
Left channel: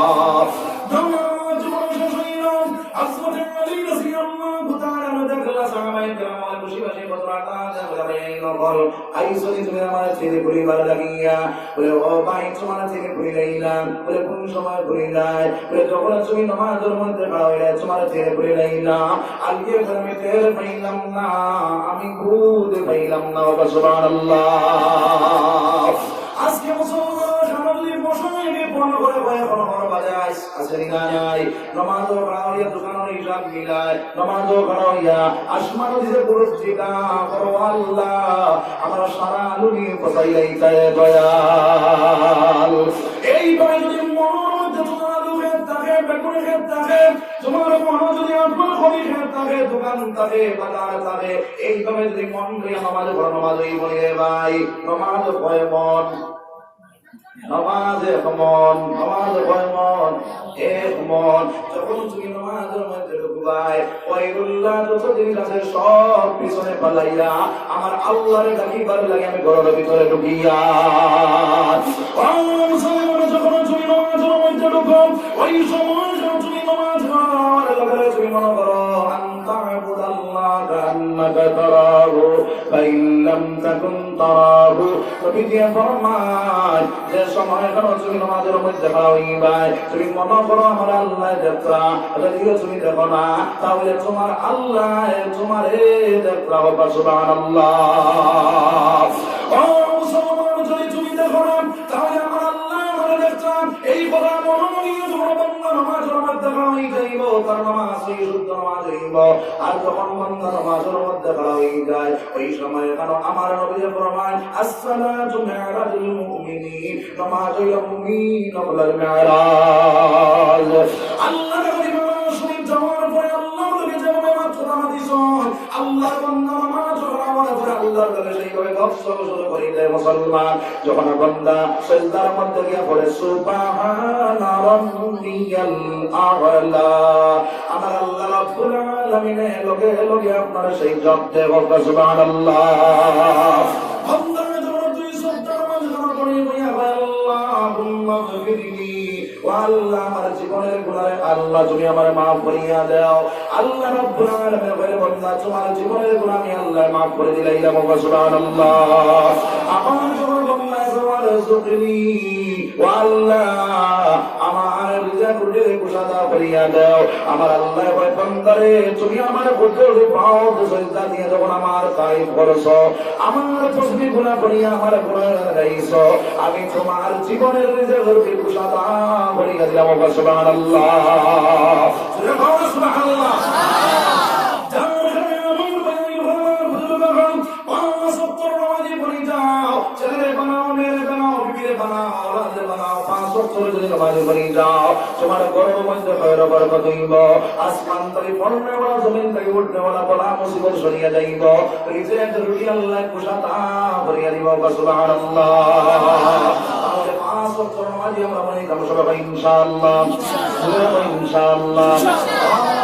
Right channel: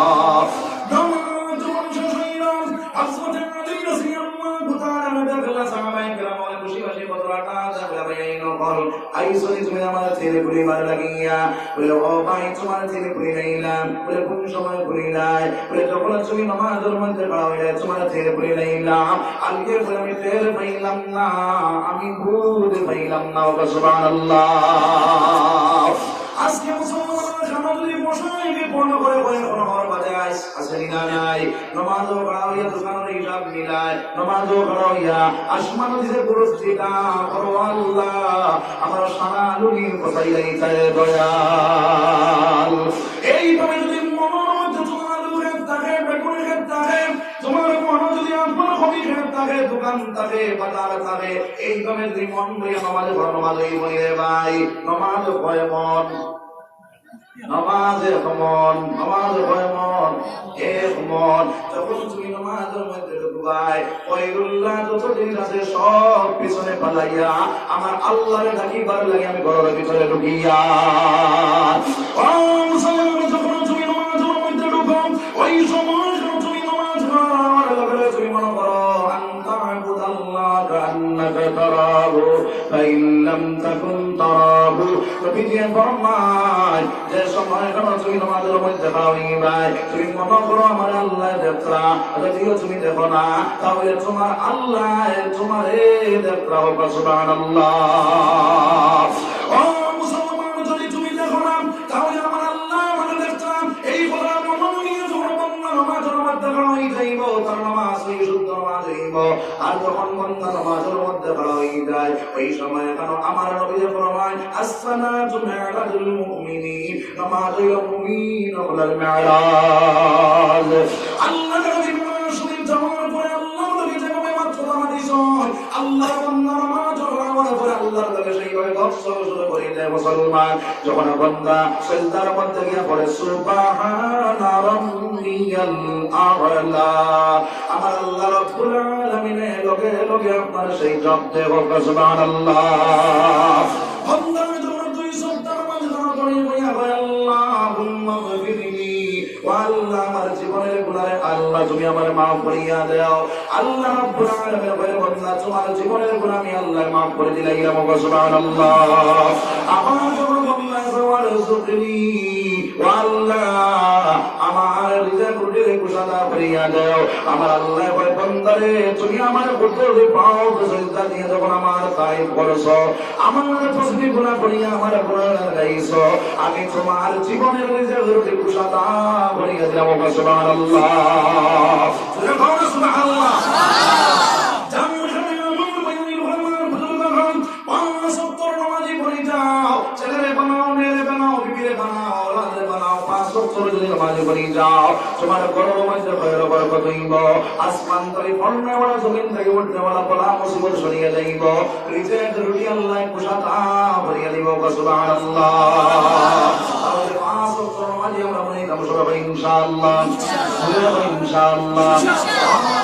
তুমি আমার ছেলে পরিবার লাগিয়া বলে ও ভাই তোমার ছেলে পরিলাইলাম বলে কোন সময় পরিলাই বলে যখন তুমি নামাজের মধ্যে হইলে তোমার ছেলে পরিলাইলাম আজকে আমি তেল পাইলাম না আমি দুধ পাইলাম না সুবহানাল্লাহ আজকে মুসলমানরা সামগ্রিক মশাইকে পূর্ণ করে পড়ার বাজায় আসেনি না নাই নামাজও পড়াইয়া দোকানের হিসাব মিলায় নামাজও পড়াইয়া আসমানও দিতে পুরস্কৃতা করো আল্লাহ আমার সারা লুনি কোথায় তাই দয়াল এইভাবে যদি মনের মধ্যে তোমার লুকের থাকে বেগুনের ক্ষেত থাকে তোমার মনে যদি আপনার খড়ির ক্ষেত থাকে দোকান থাকে বাজার থাকে এইভাবে যদি মন দিয়ে নামাজ পড়ো নামাজ এই বলে ভাই নামাজ ভয় মন নামাজে মন নামাজ ভয় মন এক মন যখন তুমি নামাজের মধ্যে ঢুকবাই ওইগুল্লাহ যত জিনিস আছে সব পিছনে পালাইয়া আমার আল্লাহরে ডাকিবার লাগে আমি ঘরের ভিতরে ঢুকিয়া ও মুসলমান যখন তুমি নামাজের মধ্যে ঢুকো ওই সময় তুমি নামাজ পড়ো আমার লাগে তুমি মনে করো কান্নাকা তারাহু ফাইন লাম তাকুন তারাহু কবিতে ফরমায় যে সময় কোন তুমি নামাজের মধ্যে হইবাই তুমি মনে করো আমার আল্লাহ দেখরা যদিও তুমি দেখো না তাহলে তোমার আল্লাহ তোমারে দেখরা সুবহানাল্লাহ ও মুসলমান যদি তুমি দেখো না তাহলে আমার আল্লাহ আমারে দেখরা এই কথা মনে নিয়ে তোমার বান্দা নামাজের মধ্যে হই যাইব তার নামাজ এই শুদ্ধ নামাজ হইব আর যখন বান্দা নামাজের মধ্যে হই যায় ওই সময় কারণ আমার নবী ফরমায় আসসালাতু মিরাজুল মুমিনিন নামাজ হইল মুমিন হল মিরাজ আল্লাহ নবী শুনি যাওয়ার পরে আল্লাহ নবী যেভাবে মাত্র হাদিস আল্লাহ নামাজ পড়ার পরে আল্লাহর কাছে সেইভাবে গর্ব শুরু করে দেয় মুসলমান যখন বান্দা সিজদার মধ্যে গিয়ে পড়ে সুবহানা রাব্বিয়াল আ'লা আমার আল্লাহ রাব্বুল আলামিনের লগে লগে আপনার সেই জব দেব সুবহানাল্লাহ বান্দা যখন দুই সপ্তাহ নামাজ পড়ে বইয়া হয় আল্লাহুম্মা গফিরলি ওয়া আল্লাহ আমার জীবনের গুনাহ আল্লাহ তুমি আমার maaf করিয়া দাও আল্লাহ রাব্বুল আলামিন বলে বান্দা তোমার জীবনের গুনাহ আমি আল্লাহ maaf করে দিলাম সুবহানাল্লাহ আমার যখন বান্দা ওয়ারযুকনি ওয়া আল্লাহ আমার রিজিক রুটির কুশাদা করিয়া দাও। আমার আল্লাহ ওই বান্দারে তুমি আমার পুত্রকে পাও সেজদা দিয়ে যখন আমার তারিফ করছো, আমার তসবিহ গুনাহ করিয়া আমার গুনাহ গাইছো, আমি তোমার জীবনের রিজিক রুটির কুশাদা করিয়া দিলাম। সুবহানাল্লাহ, সুবহানাল্লাহ। তোমার গর্ব মধ্যে বরকত হইব, আসমান থেকে পড়নে ওয়ালা জমিন থেকে উঠনে ওয়ালা বলা মুসিবত সরিয়া যাইব, রিজিক রুটি আল্লাহ কুশাদা করিয়া দিব। সুবহানাল্লাহ। তাহলে 5 ওয়াক্ত নামাজ আমরা মনে করি সবাই ইনশাআল্লাহ, ইনশাআল্লাহ।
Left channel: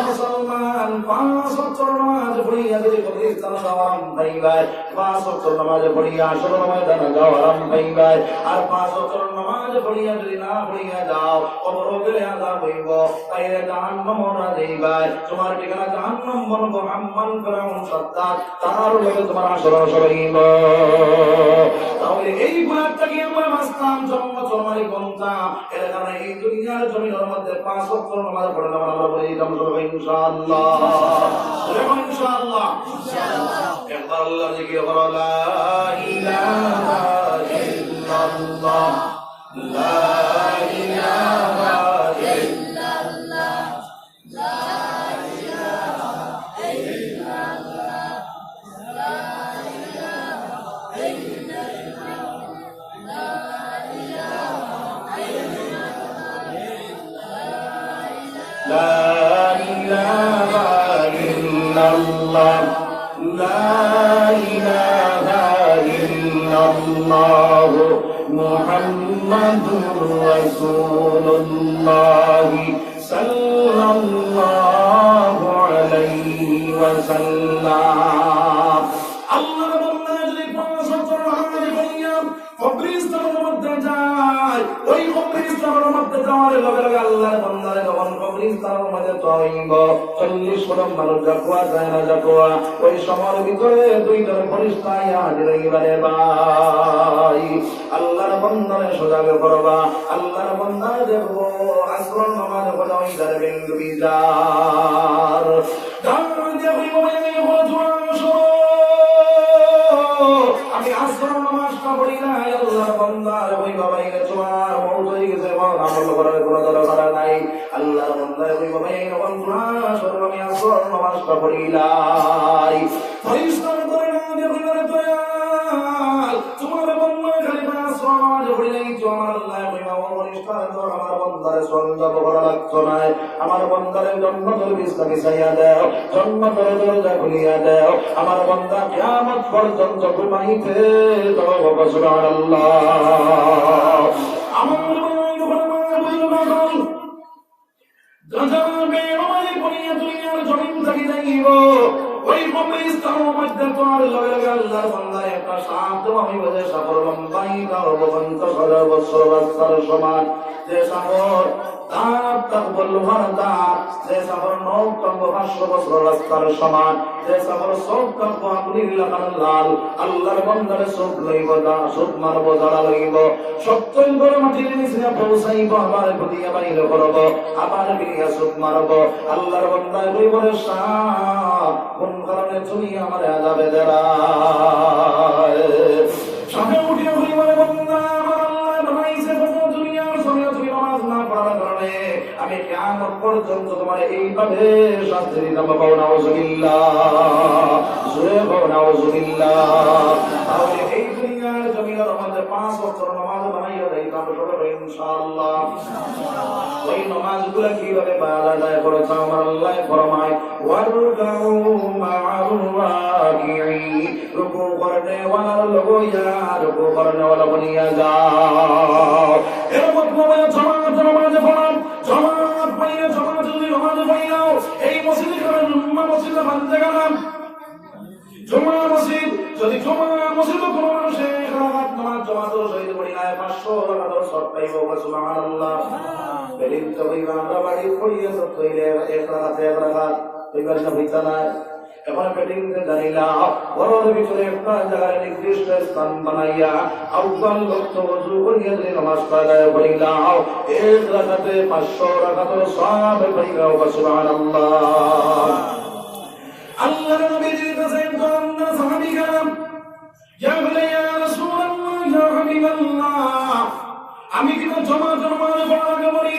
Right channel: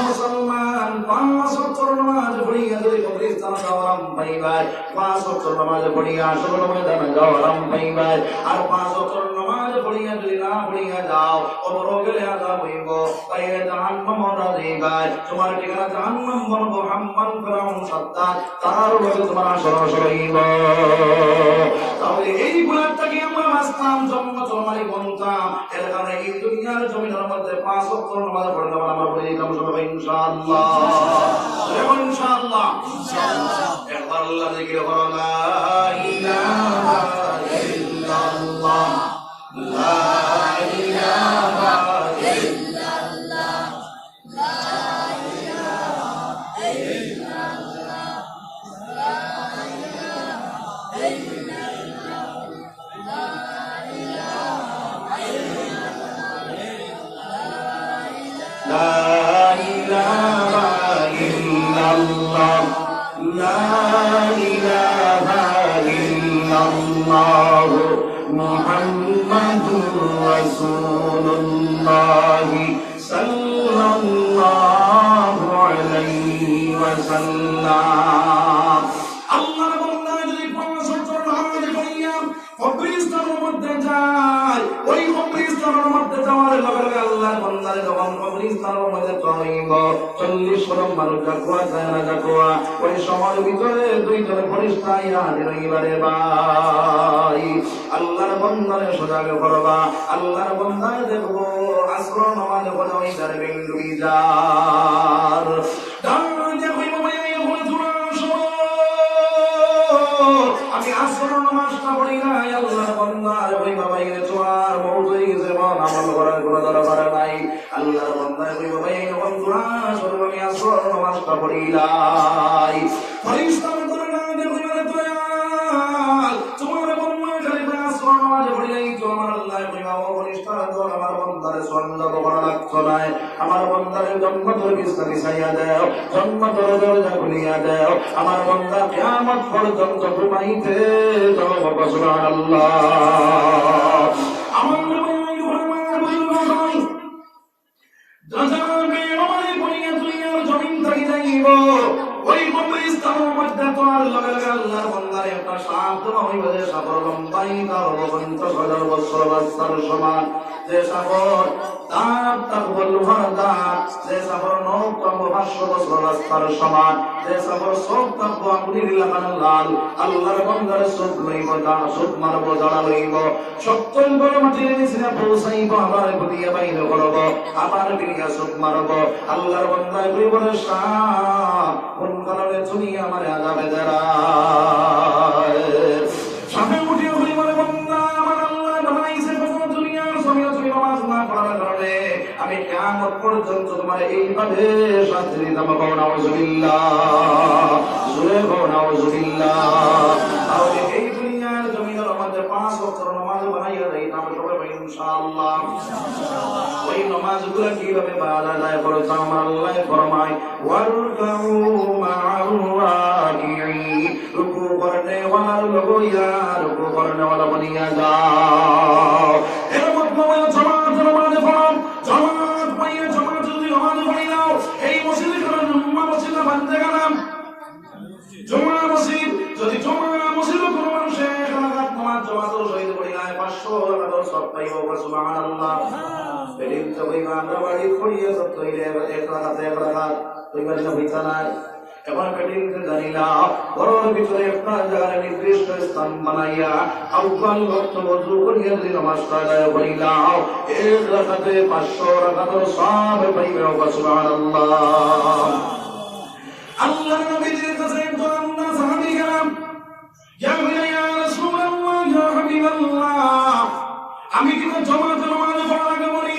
মুসলমান 5 ওয়াক্ত নামাজ পড়িয়া যদি কবরস্থান যাওয়াম পাইবাই, 5 ওয়াক্ত নামাজ পড়িয়া আসর ময়দানে যাওয়াম পাইবাই, আর 5 ওয়াক্ত নামাজ পড়িয়া যদি না পড়িয়া যাও কবরে গেলে আযাব হইব, তাইলে জাহান্নাম ওরা যাইবাই। তোমার ঠিকানা জাহান্নাম বলবো হাম্মান ফিরাউন সাদ্দাত, তার লগে তোমার আসর হইব। তাহলে এই গুনাহটাকে আমরা মাসতাম জন্ম জন্মালি বলতাম, এর কারণে এই দুনিয়ার জমিনের মধ্যে 5 ওয়াক্ত নামাজ পড়লে আমরা বলি কাম সবাই ইনশাআল্লাহ, ইনশাআল্লাহ, ইনশাআল্লাহ। একবার আল্লাহ জিকির করো, লা ইলাহা ইল্লাল্লাহ, লা ইলাহা ইল্লাল্লাহ, লা ইলাহা ইল্লাল্লাহ, লা ইলাহা ইল্লাল্লাহ, লা ইলাহা ইল্লাল্লাহ, লা ইলাহা ইল্লাল্লাহ, লা ইলাহা ইল্লাল্লাহ, মুহাম্মাদুর রাসূলুল্লাহ সাল্লাল্লাহু আলাইহি ওয়াসাল্লাম। আল্লাহর বান্দা যদি 5 ওয়াক্ত নামাজ পড়িয়া কবরস্থানের মধ্যে যায়, ওই কবরস্থানের মধ্যে যাওয়ার লগে লগে আল্লাহর বান্দা যখন কবরস্থানের মধ্যে যাইব, 40 কদম মানুষ যাকোয়া যায় না যাকোয়া, ওই সময়ের ভিতরে 2 জন ফেরেশতা হাজির হইবারে ভাই। আল্লাহর বান্দারে সজাগ করবা, আল্লাহর বান্দা দেখবো আসর নামাজ পড়া ওই দরবেন ডুবি যার ডান দিয়ে হইব এই আমি আসর নামাজটা পড়ি না, আল্লাহর বান্দার ওই বাবাই রে তোমার মওত হয়ে গেছে, আমল করার কোনো দরকার নাই। আল্লাহর বান্দার ওই বাবাই আসর আমি আসর নামাজটা পড়িলাই, ফেরেশতারা করে না দেখবে দয়াল তোমার বান্দা খালি আসর নামাজ পড়িলেই তো আমার আল্লাহ ওই বাবা ফেরেশতারা তো আমার বান্দারে সন্দেহ করা লাগতো না, আমার বান্দারে জন্মতর বিস্তারি ছাইয়া দাও, জন্মতর দরজা খুলিয়া দাও, আমার বান্দা কিয়ামত পর্যন্ত ঘুমাইতে দাও। সুবহানাল্লাহ। আমার জমিন থাকি যাইব, ওই কবরস্থানের মধ্যে তোমার লগে লগে আল্লাহর বান্দার একটা সান্ত্বনা হইব যে সাগর লম্বাই অবন্ত 1000 বছর রাস্তার সমান, যে সাগর দাঁত তার বলুহার দাঁত, যে সাগর নখ তার 500 বছর রাস্তার সমান, যে সাগর চোখ তার আঙ্গুলির লাগানো লাল, আল্লাহর বান্দার চোখ লইব দা চোখ মারব জ্বালা লইব, 70 করে মাটির নিচে পৌঁছাইব, আবার ঘুরিয়া বাইরে করব, আবার ফিরিয়া চোখ মারব। আল্লাহর বান্দা লইব শাহ কোন কারণে তুমি আমার আযাবে দাঁড়ায়, সামনে উঠিয়া হইব বান্দা আমার আল্লাহ বানাইছে দুনিয়ার সময় তুমি নামাজ না পড়ার কারণে আমি কিয়ামত পর্যন্ত তোমার এইভাবে শাস্তি দিতাম। নাউযুবিল্লাহ, জোরে বলো নাউযুবিল্লাহ। তাহলে এই দুনিয়ার জমিনের মধ্যে 5 ওয়াক্ত নামাজ বানাইয়া দিতাম সবাই ইনশাআল্লাহ। ওই নামাজগুলো কিভাবে বালা যায় বলেছে আমার আল্লাহ ফরমায়, ওয়ারকাউ মা'আর রাকিঈন, রুকু করনে ওয়ালা লগইয়া রুকু করনে ওয়ালা বনিয়া যাও। এর মধ্যে জামাত নামাজ পড়ো, জামাত পাইয়ে জামাত যদি নামাজ পড়ি নাও, এই মসজিদে করে জুম্মা মসজিদে বানতে গেলাম, জুম্মা মসজিদ যদি জুম্মা মসজিদে কোনো মানুষে রাকাত নামাজ জামাতের সহিত পড়ি না 500 টাকা সব পাইব। সুবহানাল্লাহ। বেদিন তো কইবা আমরা বাড়ি পড়িয়ে তো তৈরি এক রাকাত কইবার না হইতা না, এমন একটা দিনকে জানিলা ঘরের ভিতরে একটা জায়গায় নির্দিষ্ট স্থান বানাইয়া আউ্বাল ভক্ত বজু করিয়া যে নামাজ আদায় করিলা এক রাকাতে 500 রাকাতের সওয়াব পাইবে সুবহানাল্লাহ। আল্লাহর নবীর কাছে একজন সাহাবী গেলাম, ইয়া রাসূলুল্লাহ ইয়া হাবিবাল্লাহ, আমি কি জামাতে নামাজ পড়া লাগবে?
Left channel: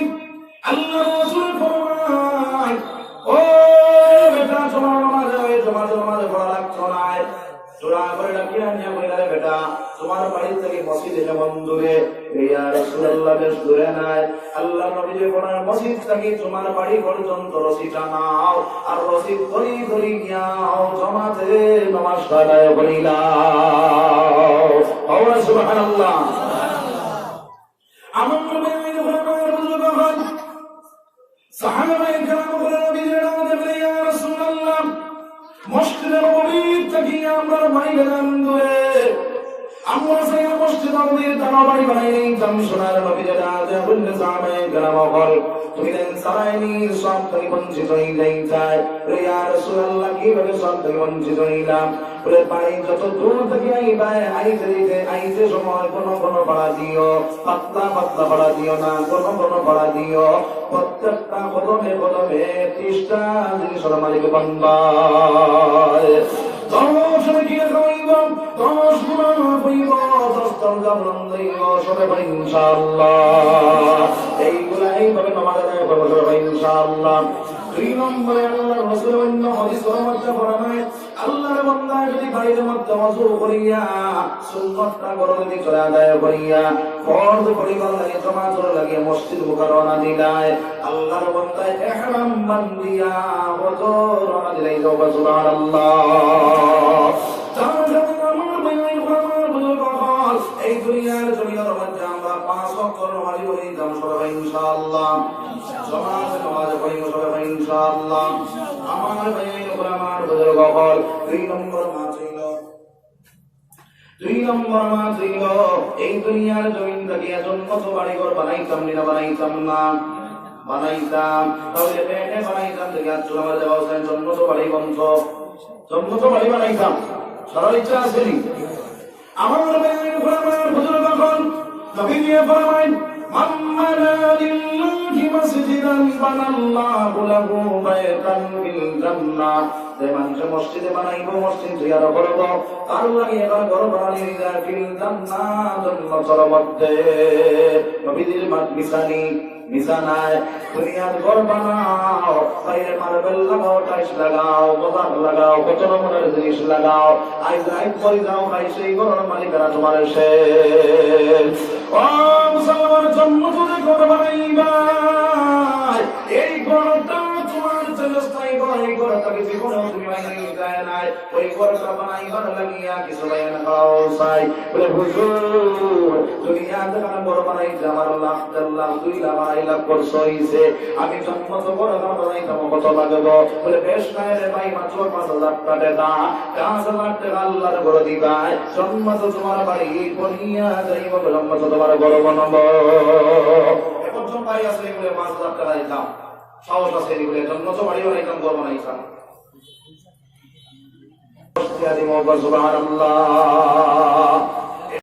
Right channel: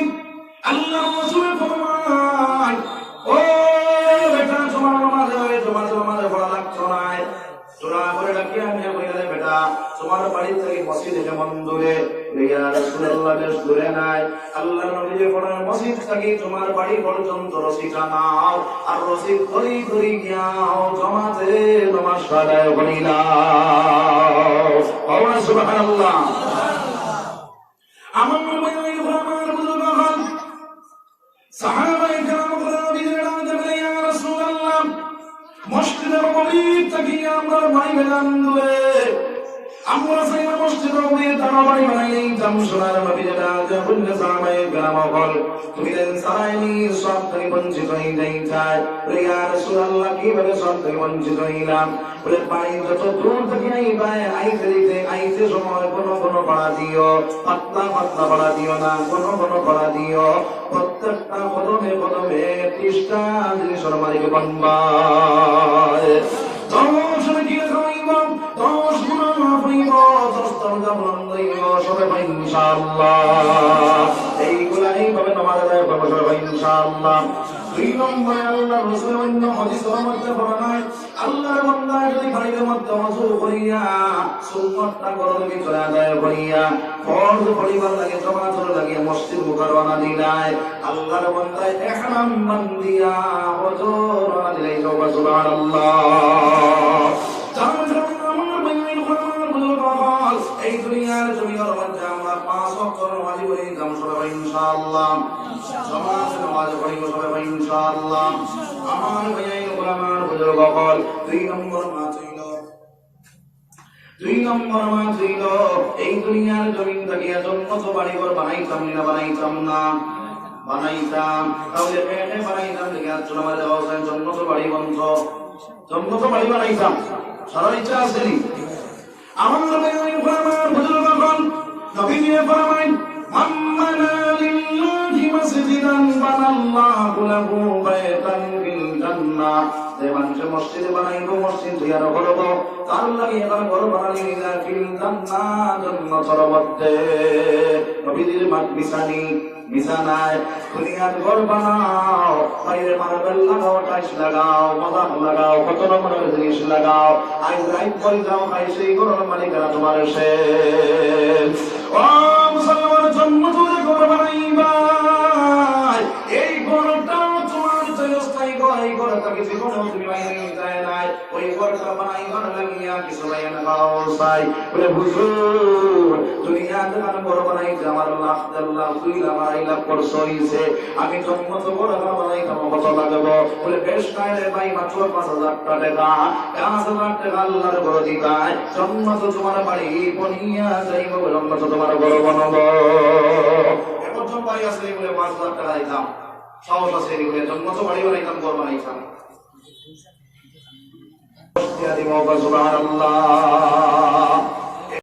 আল্লাহর রাসূল ফরমায়, ও বেটা তোমার নামাজ পড়া লাগতো না। তোরা করে ডাকিয়া আমি বলে বেটা তোমার বাড়ি থেকে মসজিদ কেমন দূরে? ইয়া রাসূলুল্লাহ বেশ দূরে নাই। আল্লাহর নবী যে পড়ার মসজিদ থেকে তোমার বাড়ি পর্যন্ত রসিদটা নাও, আর রসিদ ধরি ধরি গিয়া জামাতে নামাজ আদায় করিলা। সুবহানাল্লাহ। আমার নবী আমার বুজুর্গ হন সাহাবায়ে কেরাম বলে নবীর নামে বলে ইয়া রাসূলুল্লাহ মসজিদের নববী থেকে আমরা বাড়ি গেলাম দূরে, আমরা সেই মসজিদ নববীর তারা বাড়ি বানাই যাম। সোনার নবী যেটা আছে বললে সাহাবায়ে কেরাম বল তুমি দেন সারাইনি সব থেকে বঞ্চিত হয়ে যাই। ইয়া রাসূলুল্লাহ কিভাবে সব থেকে বঞ্চিত হইলাম? বলে পানি যত দূর থেকে আইতে সময় কোনো পড়া দিও, পাতলা পাতলা পড়া দিও না, কোনো পড়া দিও। প্রত্যেকটা কদমে কদমে 30টা জিনিসের মালিক বানবা। 10 কি হইব 10 গুণ হইব 10 তরজা বন্ধ হইব সবে ইনশাআল্লাহ। এইভাবে নামাজ আদায় করব সবে ইনশাআল্লাহ। 2 নম্বরে আল্লাহর রাসূল অন্য হাদিসের মধ্যে বর্ণনায় আল্লাহর বান্দা যদি বাড়ির মধ্যে ওযু করিয়া সুন্নাতটা গরমি করে আদায় করিয়া ফরজ পড়িবার লাগে জামাতের লাগে মসজিদ মুকাররমা দিলায় আল্লাহর বান্দা ইহরাম বান্দিয়া ওযু রওনা দিলাই সুবহানাল্লাহ। এই দুনিয়ার জমিনের মধ্যে আমরা 5 ওয়াক্ত নামাজ পড়ি যাম সবাই ইনশাআল্লাহ। জামাতে নামাজ পড়ি সবাই ইনশাআল্লাহ। আমার ভাই গোলামার বুজুর্গ হল 2 নম্বর মা ছিল এই দুনিয়ার জমিন থেকে জন্মত বাড়িঘর বানাইতাম না বানাইতাম না বানাইতাম, তাহলে পেটে বানাইতাম থেকে আজ আমার দেওয়া জন্মত বাড়ি বন্ধ, জন্মত বাড়ি বানাইতাম সবার ইচ্ছা আছে। আমার বুজুর্গ হল নবী ফরমায়েন মাম্মানা লিল্লাহি মাসজিদান বানাল্লাহু লাহু বাইতান ফিল জান্নাহ। যে মানুষ মসজিদে বানাইব মসজিদ জিয়ারত করব তার লাগি এবার ঘর বানাই দিলা ফিল জান্নাহ জান্নাতের মধ্যে। নবীর মিশানায় দুনিয়ার ঘর বানাও, বাইরে মার্বেল লাগাও, টাইলস লাগাও, বাদাম লাগাও, কত রকমের জিনিস লাগাও, আইজ রাইত পরে যাও ভাই সেই ঘরের মালিকানা তোমার শেষ। ও মুসলমান জন্মত ঘর বানাইবা, এই ঘরটা তোমার চিরস্থায়ী ঘর, এই ঘর তাকে জীবনে তুমি বানাই যায় নাই, ওই ঘরটা বানাই ঘর লাগিয়া কিছু বানাই খাও চাই বলে হুজুর দুনিয়া দোকান ঘর বানাই আমার লাখ 2 লাখ 2.5 লাখ খরচ হইছে, আমি জন্মত ঘর বানাই আমার কত লাগবে? বলে বেশ নাই রে ভাই, মাত্র 5,000 টাকা 5,000 টাকা আল্লাহর ঘর দিবা, জন্মত তোমার বাড়ি বনিয়া যাইব, জন্মত তোমার ঘর বানাবো। এখন ভাই আসলে এগুলো 5,000 টাকা দিতাম, সাহস আছে এগুলো জন্মত বাড়িও নাইতাম ঘর বানাইতাম। সুবহানাল্লাহ।